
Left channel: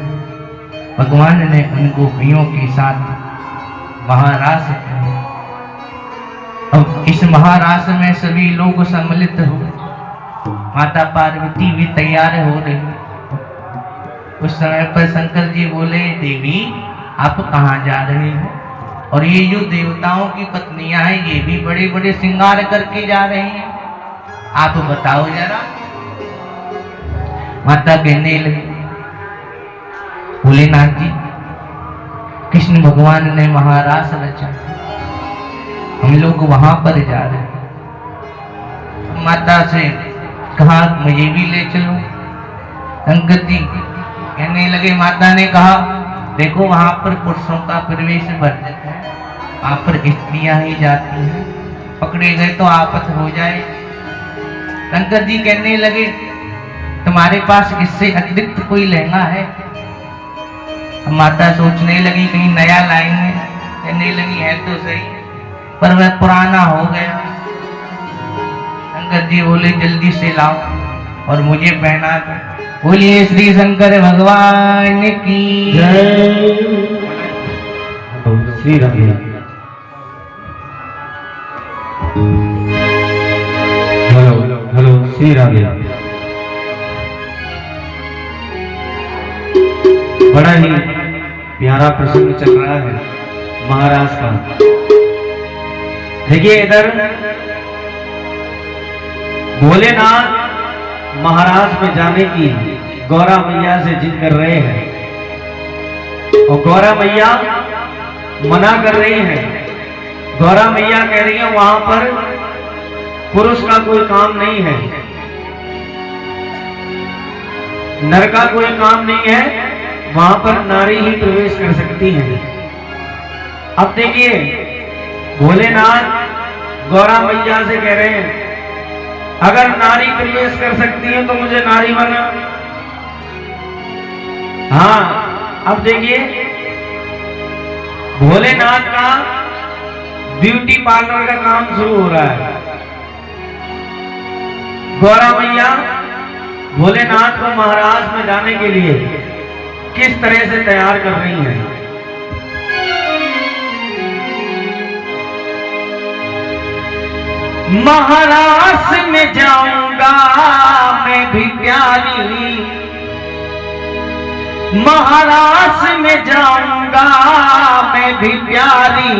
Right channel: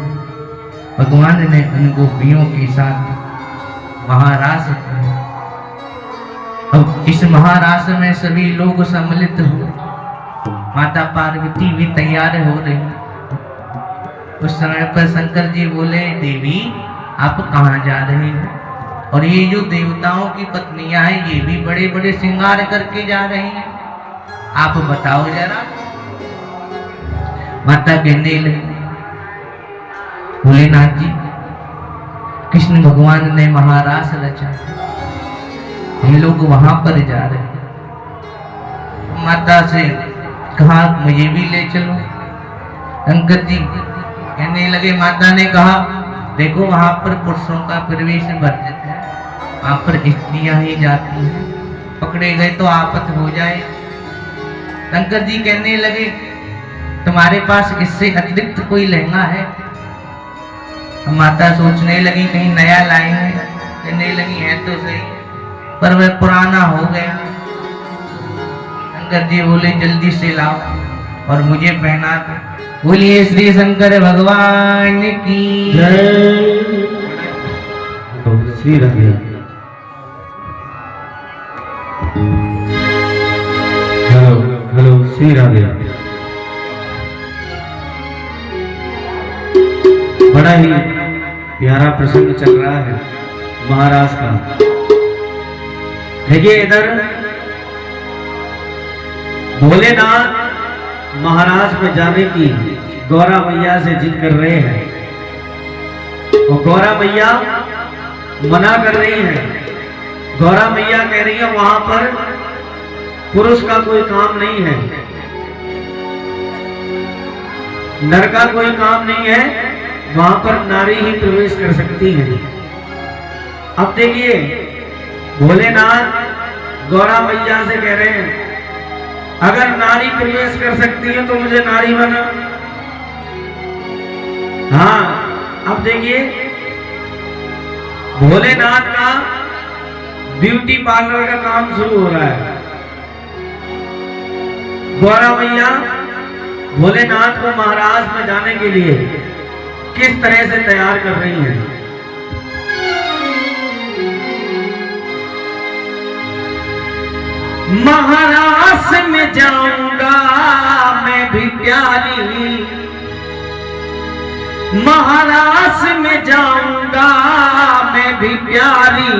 भगवान ने उन गोपियों के साथ महारास किया। अब इस महारास में सभी लोग सम्मिलित हो, माता पार्वती भी तैयार हो रही। उस समय पर शंकर जी बोले देवी आप कहाँ जा रही हो? और ये जो देवताओं की पत्नियां हैं ये भी बड़े बड़े श्रृंगार करके जा रही हैं, आप बताओ जरा। माता कहने लगी भोलेनाथ जी, कृष्ण भगवान ने महारास रचा, हम लोग वहां पर जा रहे हैं। माता से कहा मुझे भी ले चलो। शंकर जी कहने लगे, माता ने कहा देखो वहां पर पुरुषों का प्रवेश वर्जित है, वहां पर स्त्रियां ही जाती हैं, पकड़े गए तो आफत हो जाए। शंकर जी कहने लगे तुम्हारे पास इससे अतिरिक्त कोई लहंगा है? माता सोचने लगी कहीं नया लाएंगे, कहने लगी है तो सही पर वह पुराना हो गया। शंकर जी बोले जल्दी से लाओ और मुझे पहना दो। बोलिए श्री शंकर भगवान की जय। श्री राधे। हेलो श्री राधे। बड़ा ही प्यारा प्रसंग चल रहा है महाराज का। देखिए इधर भोलेनाथ महाराज में जाने की गौरा मैया से जिद कर रहे हैं और गौरा मैया मना कर रही हैं। गौरा मैया कह रही है वहां पर पुरुष का कोई काम नहीं है, नर का कोई काम नहीं है, वहां पर नारी ही प्रवेश कर सकती है। अब देखिए भोलेनाथ गौरा मैया से कह रहे हैं अगर नारी प्रवेश कर सकती है तो मुझे नारी बना। हाँ अब देखिए भोलेनाथ का ब्यूटी पार्लर का काम शुरू हो रहा है। गौरा मैया भोलेनाथ को महाराज में जाने के लिए किस तरह से तैयार कर रही हैं। महाराज में जाऊंगा मैं भी प्यारी, महाराज में जाऊंगा मैं भी प्यारी,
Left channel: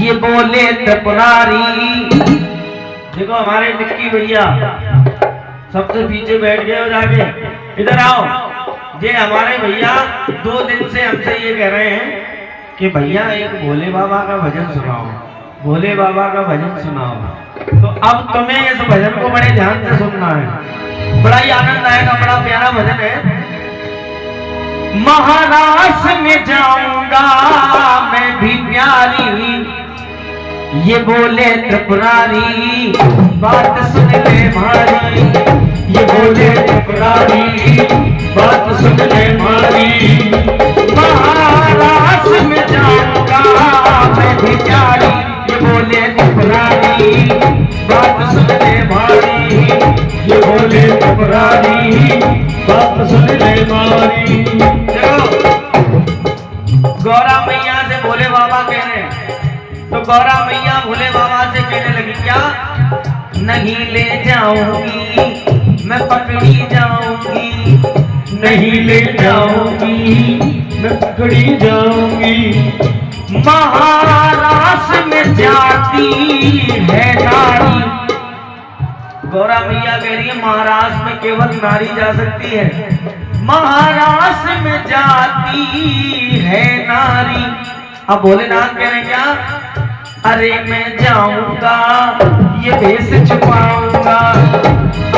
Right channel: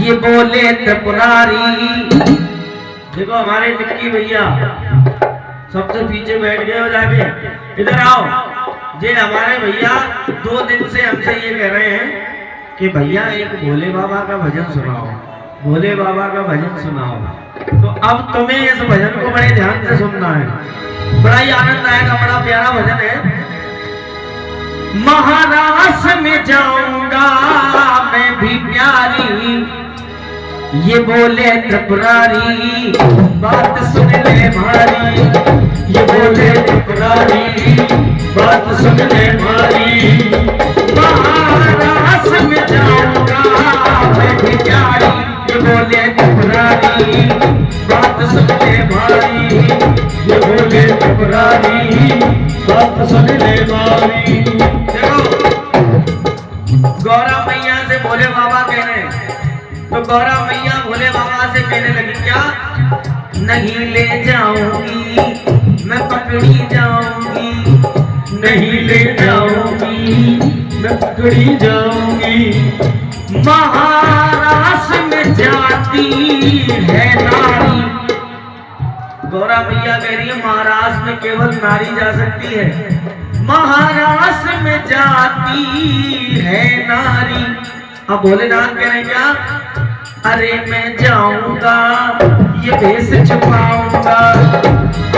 ये बोले त्रिपुरारी। देखो हमारे मिट्टी भैया सबसे पीछे बैठ गए हो जाके, इधर आओ। ये हमारे भैया 2 दिन से हमसे ये कह रहे हैं कि भैया एक भोले बाबा का भजन सुनाओ, भोले बाबा का भजन सुनाओ। तो अब तुम्हें इस भजन को बड़े ध्यान से सुनना है, बड़ा ही आनंद आएगा, बड़ा प्यारा भजन है। महाराज में जाऊंगा मैं भी प्यारी, ये बोले त्रिपुरारी, बात सुन ले भारी, ये बोले त्रिपुरारी, बात सुन ले भारी। महाराज में जाऊंगा मैं भी प्यारी, ये बोले त्रिपुरारी, बात सुन ले भारी, ये बोले त्रिपुरारी, बात सुन ले भारी। गौरा मैया से भोले बाबा कह रहे हैं, तो गौरा मैया भोले बाबा से कहने लगी क्या नहीं ले जाऊंगी मैं पकड़ी जाऊंगी, नहीं ले जाऊंगी मैं पकड़ी जाऊंगी। महाराज में जाती है नारी, गौरा मैया कह रही है महाराज में केवल नारी जा सकती है, महाराज में जाती है नारी। अब भोलेनाथ कह रहे क्या अरे मैं जाऊंगा ये भेष छुपाऊंगा,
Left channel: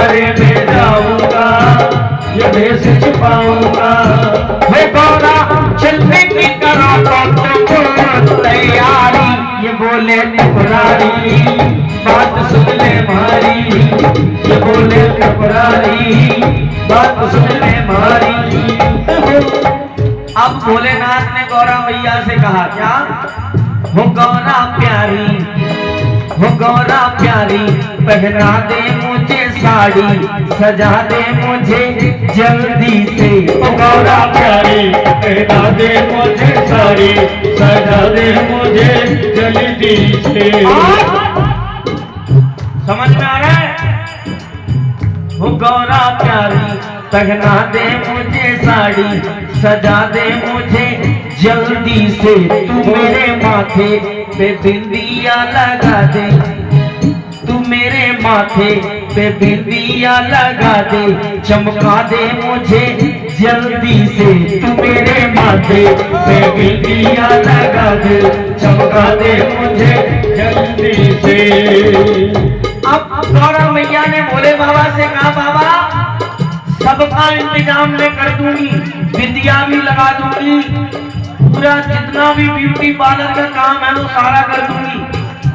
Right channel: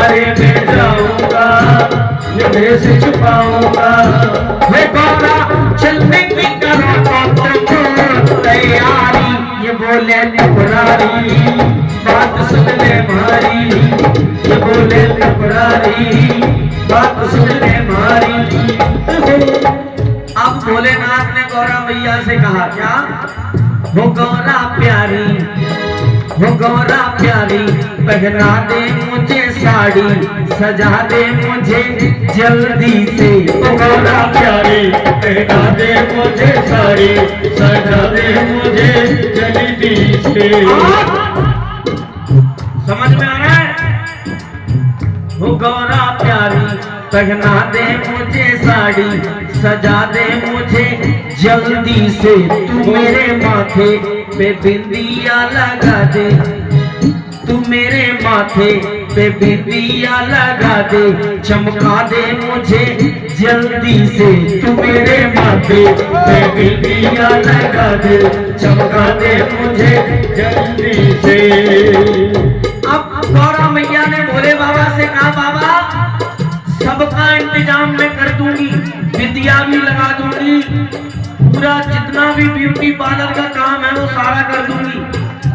अरे मैं जाऊंगा ये भेष छुपाऊंगा। वे गौरा चलने की करा तो तैयारी, ये बोले त्रिपुरारी, बात सुन ले भारी, ये बोले त्रिपुरारी, बात सुन ले भारी। अब भोलेनाथ ने गौरा मैया से कहा क्या हो गौरा प्यारी, हो गौरा प्यारी, पहना दे मुझे साड़ी, सजा दे मुझे जल्दी से। हो गौरा प्यारी पहना दे मुझे साड़ी, सजा दे मुझे जल्दी से। समझ में आ रहा है? हो गौरा प्यारी पहना दे मुझे साड़ी, सजा दे मुझे जल्दी से। तू मेरे माथे पे बिंदिया लगा दे, तू मेरे माथे पे बिंदिया लगा दे, चमका दे मुझे जल्दी से। तू मेरे माथे पे बिंदिया लगा दे, चमका दे मुझे जल्दी से। अब गौरा मैया ने भोले बाबा से कहा बाबा सबका इंतजाम मैं कर दूंगी, बिंदिया भी लगा दूंगी, पूरा जितना भी ब्यूटी पार्लर का काम है वो सारा कर दूंगी,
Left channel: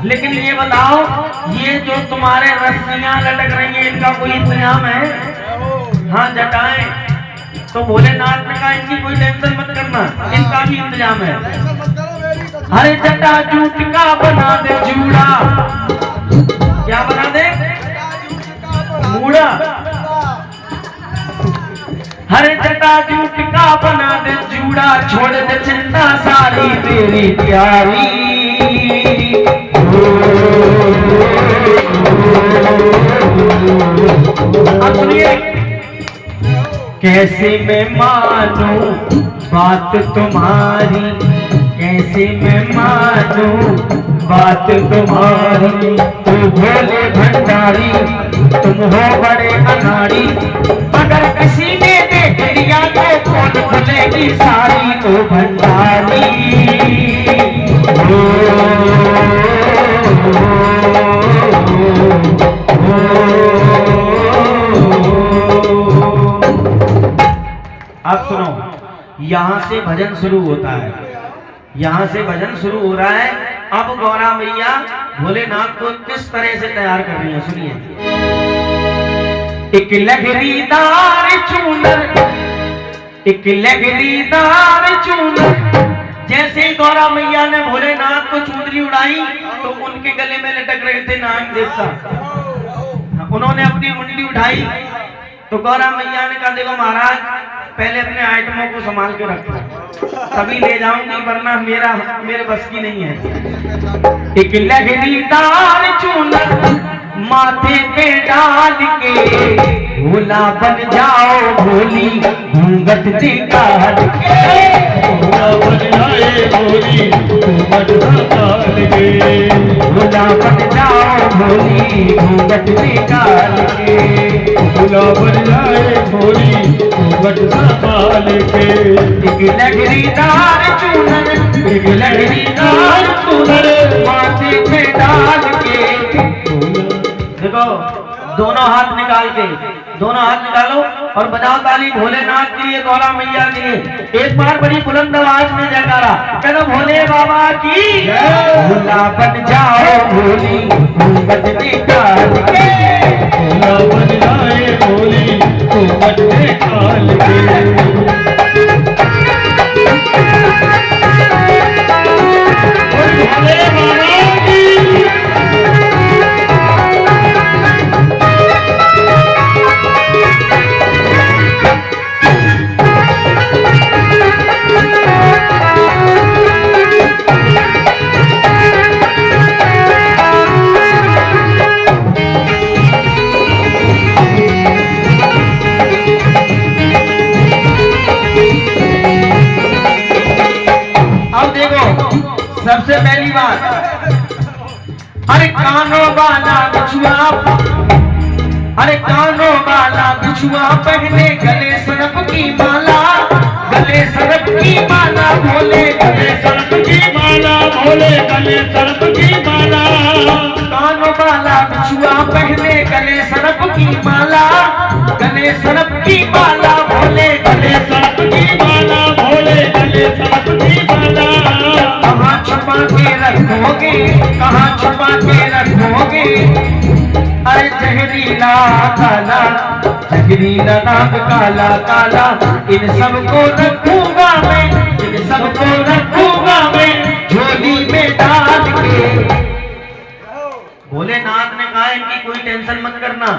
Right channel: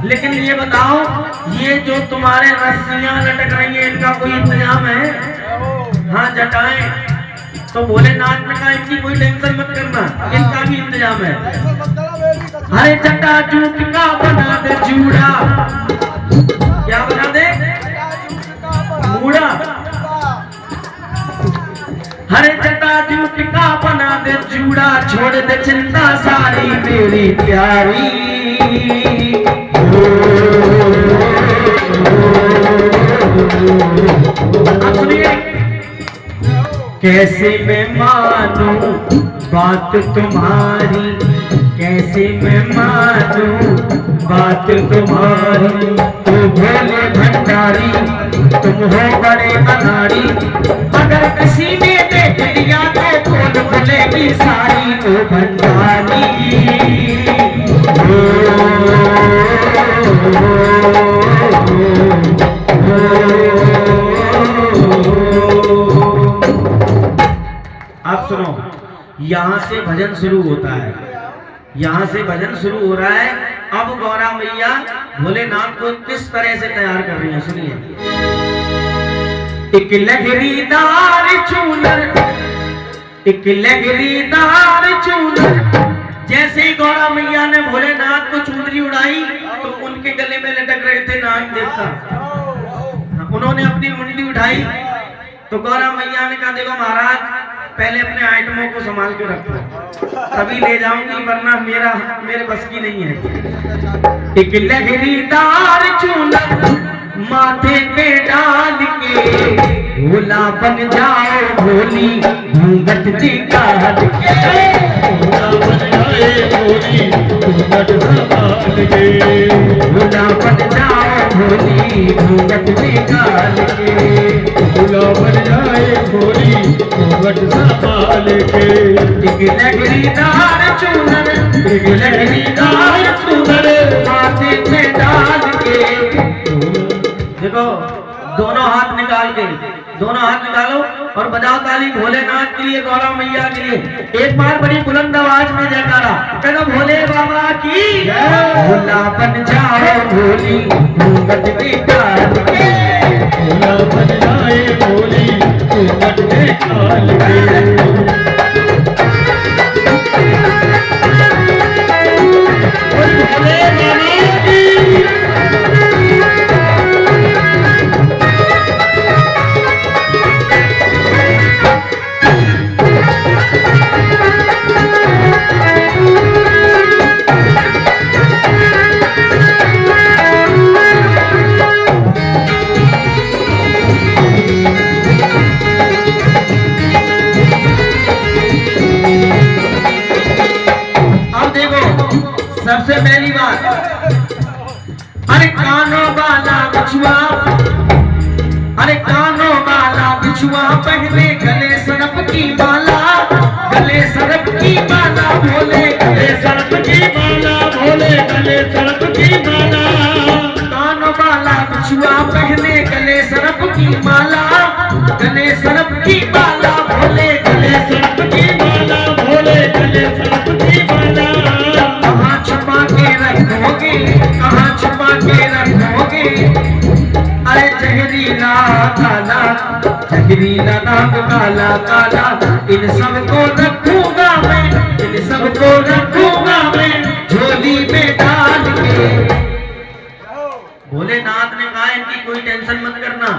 लेकिन ये बताओ ये जो तुम्हारे रस्सियां लटक रही हैं इनका कोई इंतजाम है? हाँ जटाएं। तो भोलेनाथ ने कहा इनकी कोई टेंशन मत करना, इनका भी इंतजाम है। अरे जटा जूट का बना दे जूड़ा, क्या बना दे? मूड़ा। हरे जटा जूट का बना दे जूड़ा, छोड़ दे चिंता सारी मेरी प्यारी। सुनिए कैसे मैं मानूं बात तुम्हारी, कैसे मैं मानूं बात तुम्हारी। तू भोले भंडारी नारी तुम हो बड़े अनाड़ी, अगर किसी ने देख लिया तो कौन बोलेगी सारी ओ भंडारी। अब सुनो, यहाँ से भजन शुरू होता है, यहाँ से भजन शुरू हो रहा है। अब गौरा मैया भोलेनाथ को किस तरह से तैयार कर रही है सुनिए। एक लहरीदार चूनर, एक लहरीदार चूनर, जैसे ही गौरा मैया ने भोलेनाथ को चुनरी उड़ाई तो उनके गले में लटक रहे थे नाग देवता। उन्होंने अपनी मुंडी उठाई तो गौरा मैया ने कहा देखो महाराज पहले अपने आइटमों को संभाल के रखो, तभी ले जाऊंगी वरना मेरे बस की नहीं है। एक लहरीदार चूनर माथे पे डाल के भोला बन जाओ भोली घूंघट निकाल के, भोला बन जाए भोली घूंघट निकाल के, भोला बन जाओ भोली घूंघट निकाल के, भोला बन जाए भोली घूंघट निकाल के। एक लहरीदार चूनर, एक लहरीदार चूनर माथे पे डाल के, देखो दोनों हाथ निकाल के, दोनों हाथ निकालो और बजाओ ताली भोलेनाथ के लिए, गौरा मैया के लिए। एक बार बड़ी बुलंद आवाज में जयकारा करो भोले बाबा की। भोला बन जाओ भोली घूंघट निकाल के, भोला बन जाए भोली घूंघट निकाल के। भोले बाबा की। सबसे पहली बात, अरे कानों वाला बिछुआ, अरे कानों वाला बिछुआ पहने गले सरप की माला, गले सरप की माला भोले, गले सरप की माला भोले, गले सरप की माला। कानों वाला बिछुआ पहने गले सरप की माला, गले सरप की माला भोले, गले सरप की माला भोले, गले सरप की माला। कहाँ छुपा के रखोगे, कहाँ छुपा के रखोगे, अरे जहरीला काला, जहरीला नाग काला काला, इन सबको रखूंगा मैं, इन सबको रखूंगा मैं झोली में डाल के। भोलेनाथ ने कहा इनकी कोई टेंशन मत करना,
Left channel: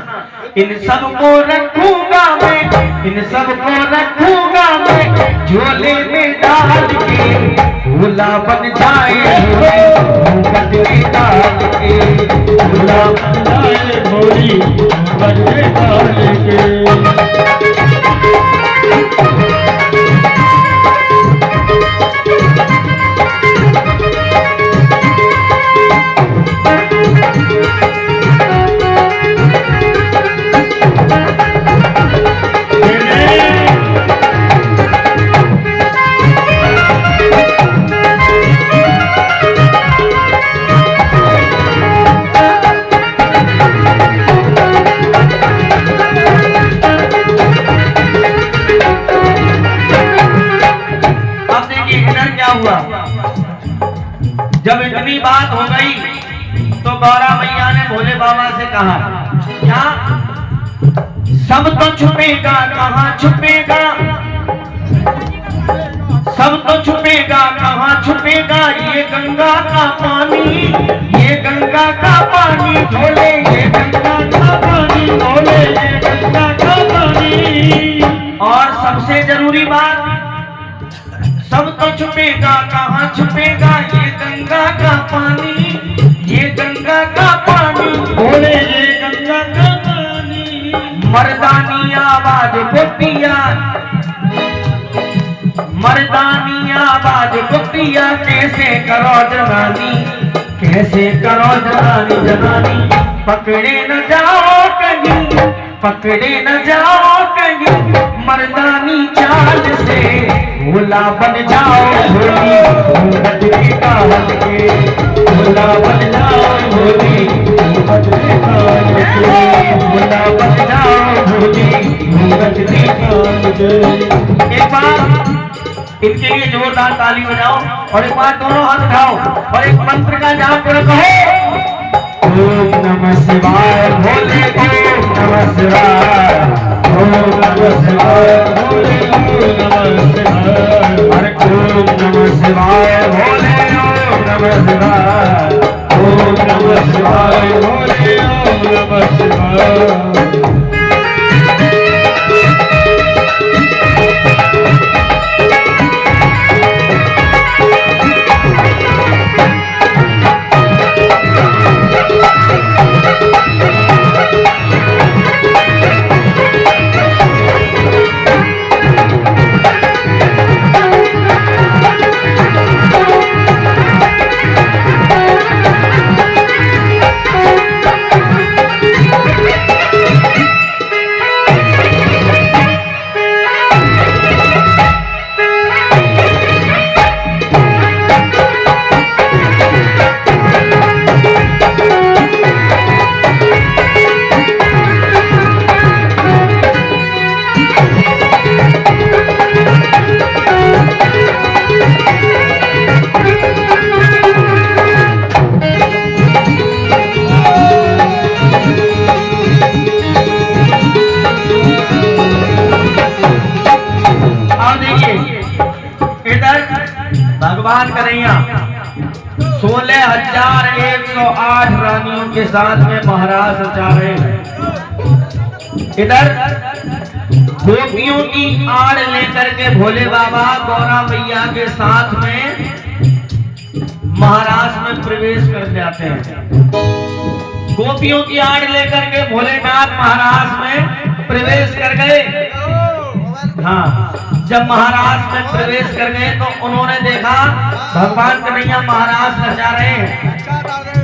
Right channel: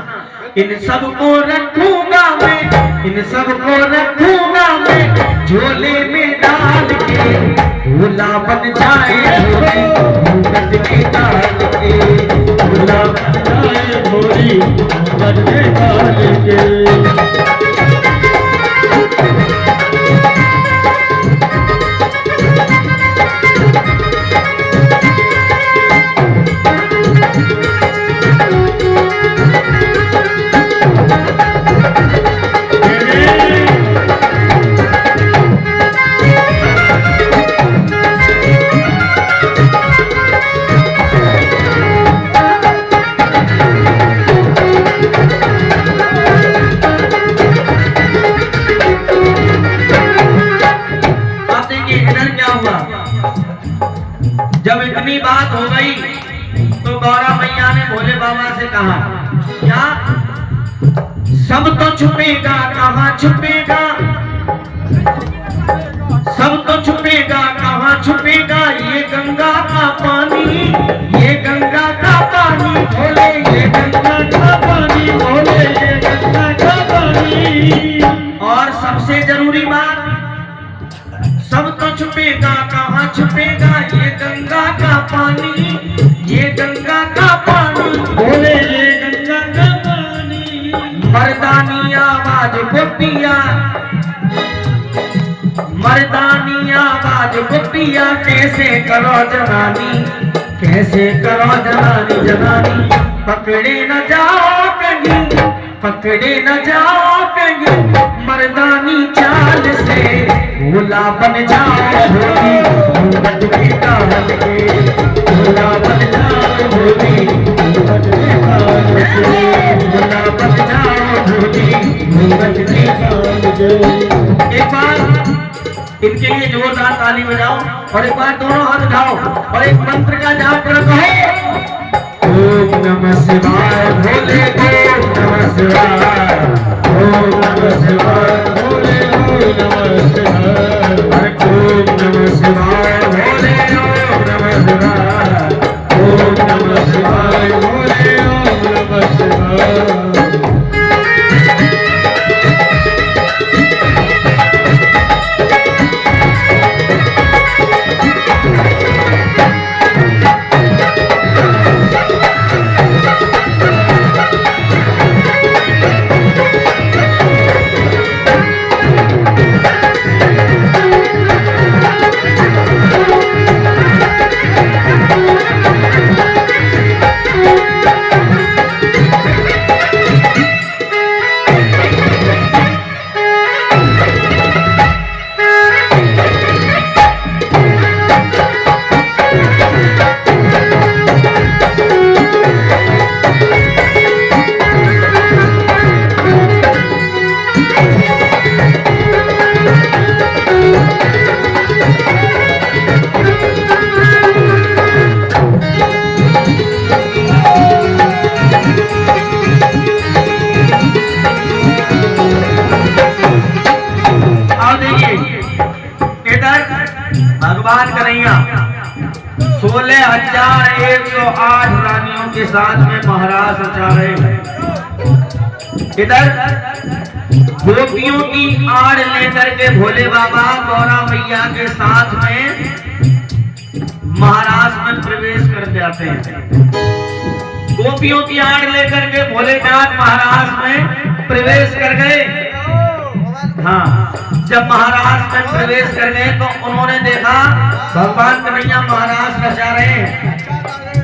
इन सबको रखूंगा मैं, इन सबको रखूंगा मैं झोले में डाल के। भोला बन जाए भोली घूंघट निकाल के, भोला बन जाए भोली घूंघट निकाल के। जब इतनी बात हो गई तो गौरा मैया ने भोले बाबा से कहा क्या सब तो छुपेगा, कहाँ छुपेगा, सब तो छुपेगा, कहाँ छुपेगा ये गंगा का पानी, ये गंगा का पानी भोले, ये गंगा का पानी भोले, ये गंगा का पानी। और सबसे जरूरी बात, सब तो छुपेगा, कहाँ छुपेगा ये गंगा का पानी, ये गंगा का पानी भोले, ये गंगा का पानी। मर्दानी आवाज गोपिया, मर्दानी आवाज गोपिया, कैसे करो जनानी, कैसे करो जनानी, जनानी पकड़े न जाओ कहीं, पकड़े न जाओ कहीं मर्दानी चाल से, भोला बन जाओ भोली घूंघट निकाल के, भोला बन जाओ भोली घूंघट निकाल के, भोला बन जाओ भोली घूंघट निकाल के। एक बार इनके लिए जोरदार ताली बजाओ और एक बार दोनों हाथ उठाओ और एक मंत्र का जाप करो। ओम नमः शिवाय भोले, ओम नमः शिवाय, ओम नमः शिवाय भोले, ओम नमः शिवाय, ओम नमः शिवाय भोले, ओम नमः शिवाय, ओम नमः शिवाय भोले, ओम नमः शिवाय। भगवान कन्हैया 16,108 रानियों के साथ में महाराज रचा रहे हैं। इधर गोपियों की आड़ लेकर के भोले बाबा गौरा मैया के साथ में महाराज में प्रवेश कर जाते हैं। गोपियों की आड़ लेकर के भोलेनाथ महाराज में प्रवेश कर गए। हाँ, जब महाराज में प्रवेश कर गए तो उन्होंने देखा भगवान कन्हैया महाराज रचा रहे हैं।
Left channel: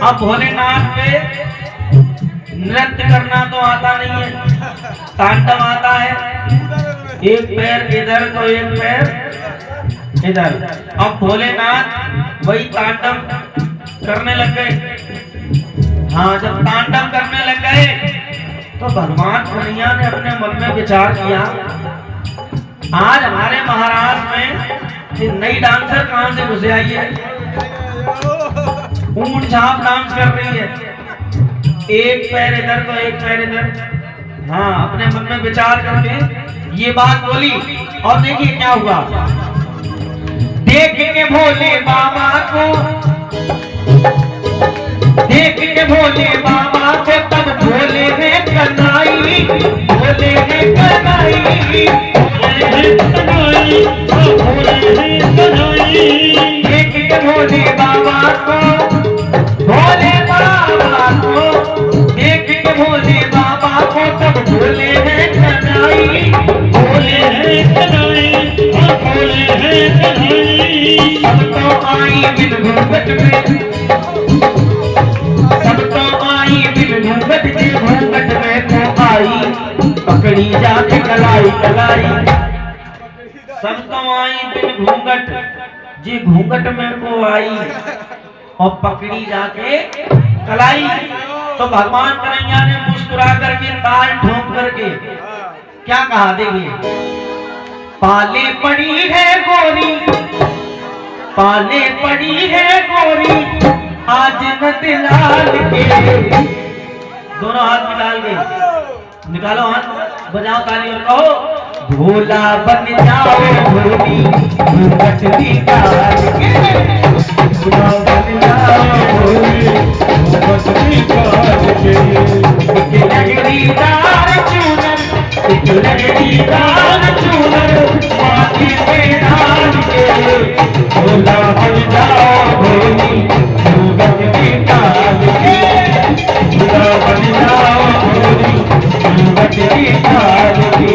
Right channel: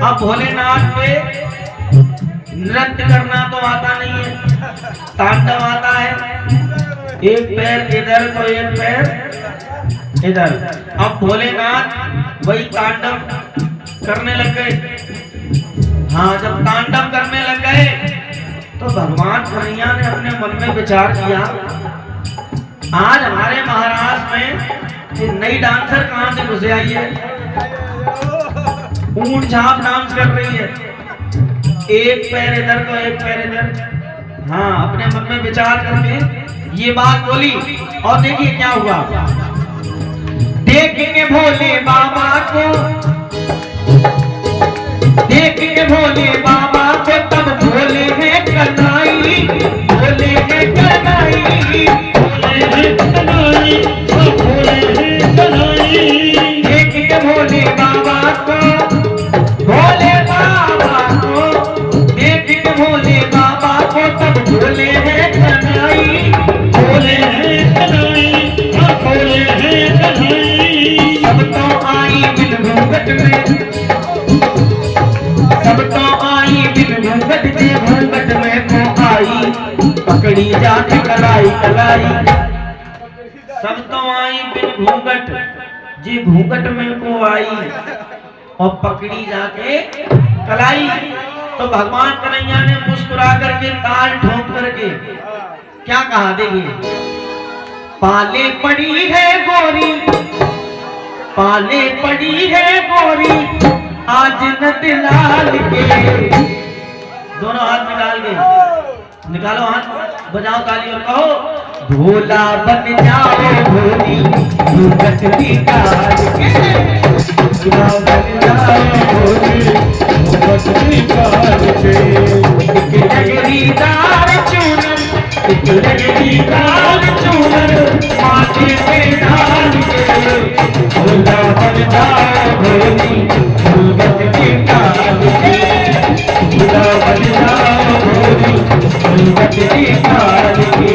अब भोलेनाथ पे नृत्य करना तो आता नहीं है, तांडव आता है। एक पैर इधर तो एक पैर इधर। अब भोलेनाथ वही तांडव करने लग गए। हाँ, जब तांडव करने लग गए तो भगवान कन्हैया ने अपने मन में विचार किया, आज हमारे महाराज में नई डांसर कहां से घुसे आई है, ऊंट झाप डांस कर रही है, एक पैर इधर तो एक पैर इधर। हाँ, अपने मन में विचार करके ये बात बोली और देखिए क्या हुआ। देख के भोले बाबा को, देख के भोले बाबा को तब भोले ने कनाई, भोले ने कनाई, देख के भोले बाबा को, भोले बाबा को, देख के भोले बाबा को तब भोले ने कनाई, भोले ने कनाई, भोले ने कनाई। सब तो आई बिन घूंघट में, सब तो आई बिन घूंघट जी घूंघट में को आई, पकड़ी जाके कलाई कलाई। सब तो आई बिन घूंघट जी घूंघट में को आई और पकड़ी जाके कलाई। तो भगवान कन्हैया ने मुस्कुरा करके ताल ठोक करके क्या कहा, देखिए। पाले पड़ी है गोरी, पाले पड़ी है गोरी आज न दिलाल के। दोनों हाथ निकाल के, निकालो हाथ, बजाओ ताली और कहो, भोला बन जाओ भोली घूंघट निकाल के, भोला बन जाओ भोली घूंघट निकाल के। एक लड़ीदार चूनर, एक लड़ीदार चूनर माथे पे डाल के, भोला बन जाओ भोली घूंघट निकाल के, भोला बन जाओ भोली घूंघट निकाल के,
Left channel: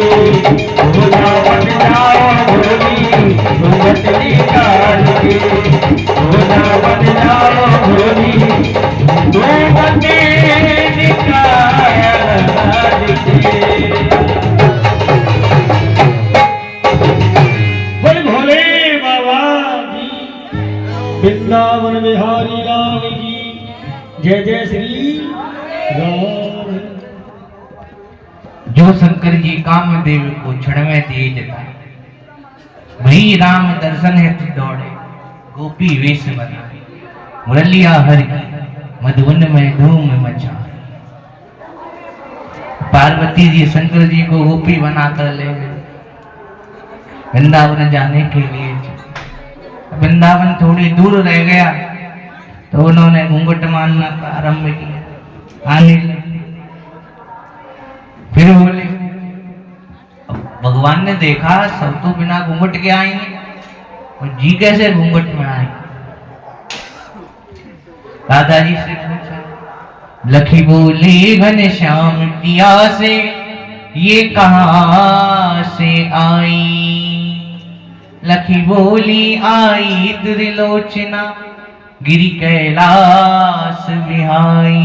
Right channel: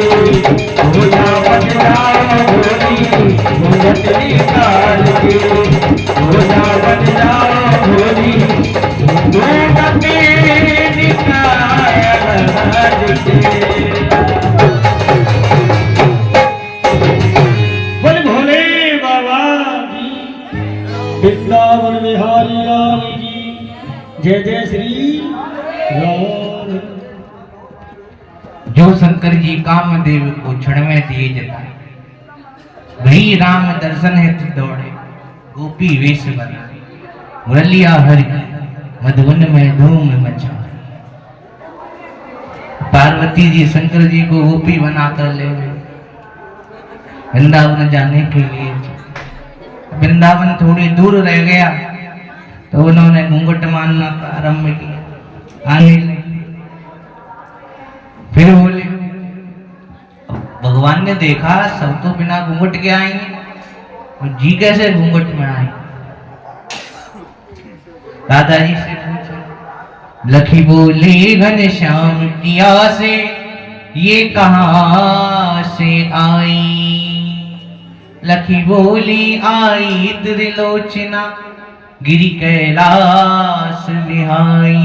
भोला बन जाओ भोली घूंघट निकाल के, भोला बन जाओ भोली घूंघट निकाल वृंदावन बिहारी लाल की जय जय श्री राम। जो शंकर जी कामदेव को क्षण में दिए जता, वही राम दर्शन हेतु दौड़े गोपी वेश बना, मुरलिया हर की मधुवन में धूम मचा। पार्वती जी शंकर जी को गोपी बनाकर ले गए वृंदावन जाने के लिए। वृंदावन थोड़ी दूर रह गया तो उन्होंने घूंघट मारना आरंभ किया, आने लगे। फिर बोले, भगवान ने देखा सब तो बिना घूंघट के आएंगे, और जी कैसे घूंघट में आए। दादाजी से पूछा, लखी बोले घनश्याम पिया से ये कहां से आई। लखी बोली आई त्रिलोचना गिरी कैलाश बिहाई।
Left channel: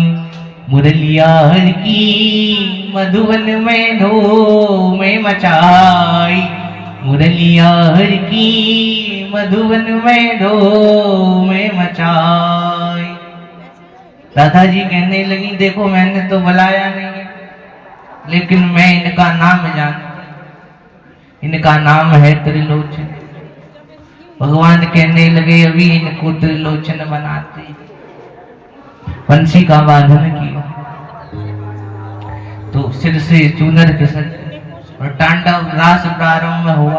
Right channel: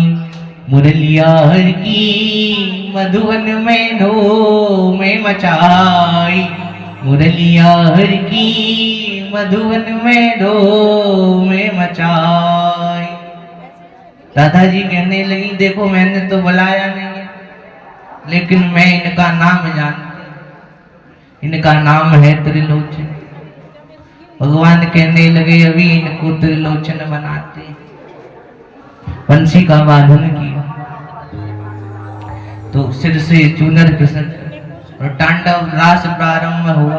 मुरलिया हर की मधुवन में धूम मचाई। मुरलिया हर की मधुवन में धूम मचाई। दादाजी कहने लगी, देखो मैंने तो बुलाया नहीं, लेकिन मैं इनका नाम जानती, इनका नाम है त्रिलोचन। भगवान कहने लगे, अभी इनको त्रिलोचन बनाते। बंसी का वादन किया तो सिर से चूनर खिसक और तांडव रास प्रारंभ हुआ,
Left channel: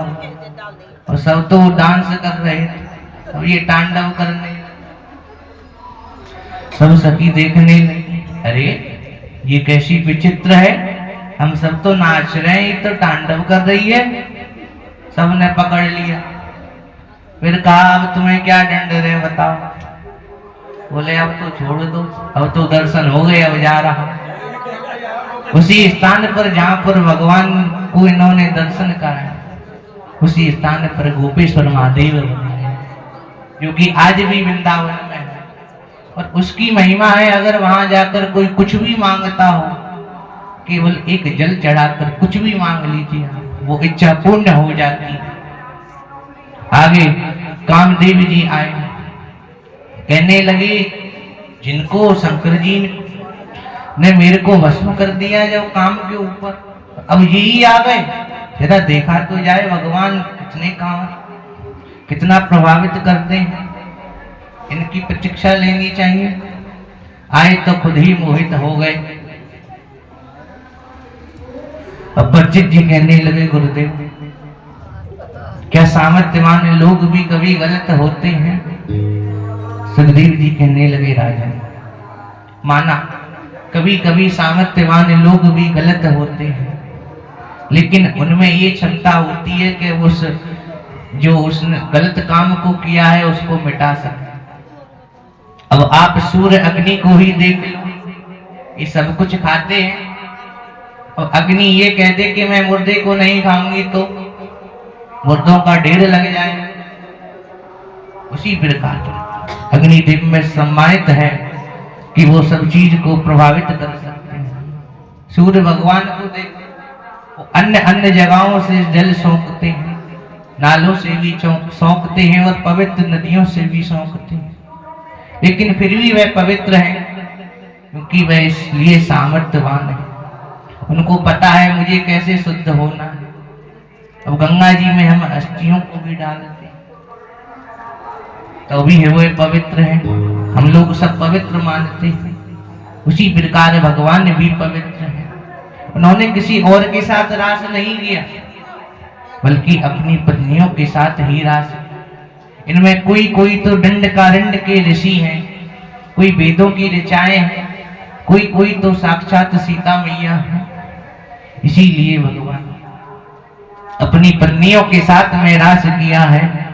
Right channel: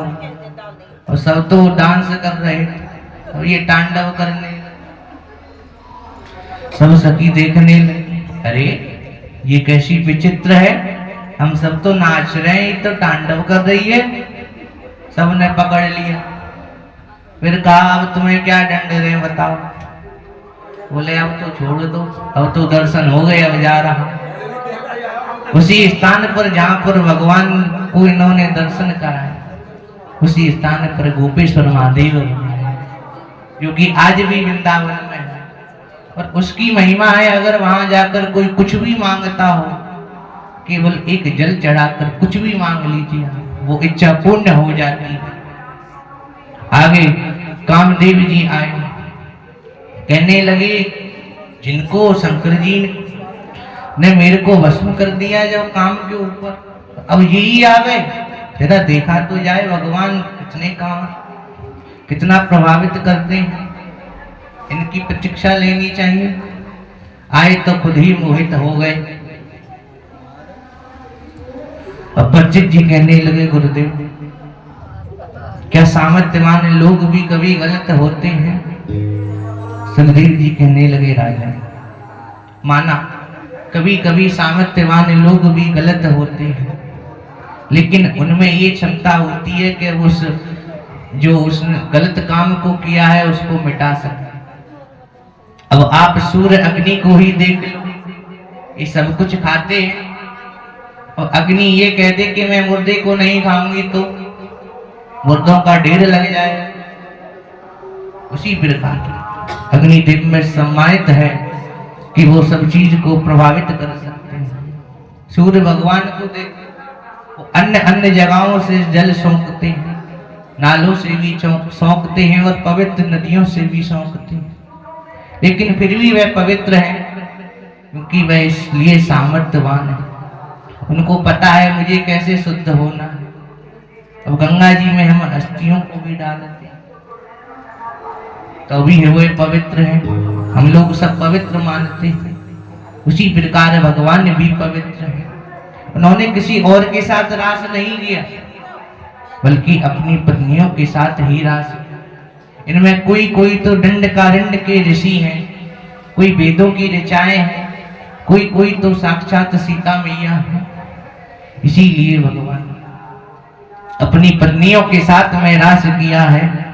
और सब तो डांस कर रहे थे और ये तांडव करने। सब सखी देखने लगी, अरे ये कैसी विचित्र है, हम सब तो नाच रहे हैं, ये तो तांडव कर रही है। सबने पकड़ लिया। फिर कहा, अब तुम्हें क्या दंड है बताओ। बोले, अब तो छोड़ दो, अब तो दर्शन हो गए, अब जा रहा। उसी स्थान पर जहां पर भगवान को इन्होंने दर्शन कराया, उसी स्थान पर गोपेश्वर महादेव बने, जो कि आज भी वृंदावन में है। और उसकी महिमा है, अगर वहां जाकर कोई कुछ भी मांगता हो, केवल एक जल चढ़ाकर कुछ भी मांग लीजिए, वो इच्छा पूर्ण हो जाती है। आगे कामदेव जी आए, कहने लगे, जिनको शंकर जी ने मेरे को भस्म कर दिया जब काम के ऊपर, अब यही आ गए, जरा देखा तो जाए भगवान कितने काम, कितना प्रभावित करते हैं, इनकी प्रतीक्षा लेनी चाहिए। आए तो खुद ही मोहित हो गए। अब परिचित जी कहने लगे, गुरुदेव क्या सामर्थ्यवान लोग भी कभी गलत होते हैं। सुखदेव जी कहने लगे, राजा माना कभी कभी सामर्थ्यवान लोग भी गलत होते हैं, लेकिन उनमें ये क्षमता होती है कि उसने गलत काम को किया है उसको मिटा सके। अब आप सूर्य अग्नि को ही देख लो, ये सब कुछ खाते हैं, और अग्नि ये कह दे कि मैं मुर्दे को नहीं खाऊंगी तो मुर्दों का ढेर लग जाए। उसी प्रकार अग्निदेव में सम्मानित है कि वो सब चीज को प्रभावित कर सकते हैं। सूर्य भगवान को देखो, अन्य अन्य जगहों से जल सोखते हैं, नालों से भी सोखते हैं और पवित्र नदियों से भी सोखते हैं, लेकिन फिर भी वह पवित्र है क्योंकि वह इसलिए सामर्थ्यवान है। उनको पता है मुझे कैसे शुद्ध होना है। अब गंगा जी में हम अस्थियों को भी डालते हैं तो भी वे पवित्र है, हम लोग सब पवित्र मानते हैं। उसी प्रकार भगवान भी पवित्र है। उन्होंने किसी और के साथ रास नहीं किया, बल्कि अपनी पत्नियों के साथ ही रास। इनमें कोई कोई तो दंडकारण्य के ऋषि हैं, कोई वेदों की ऋचाएं हैं, कोई कोई तो साक्षात सीता मैया है। इसीलिए भगवान अपनी पत्नियों के साथ में रास किया है।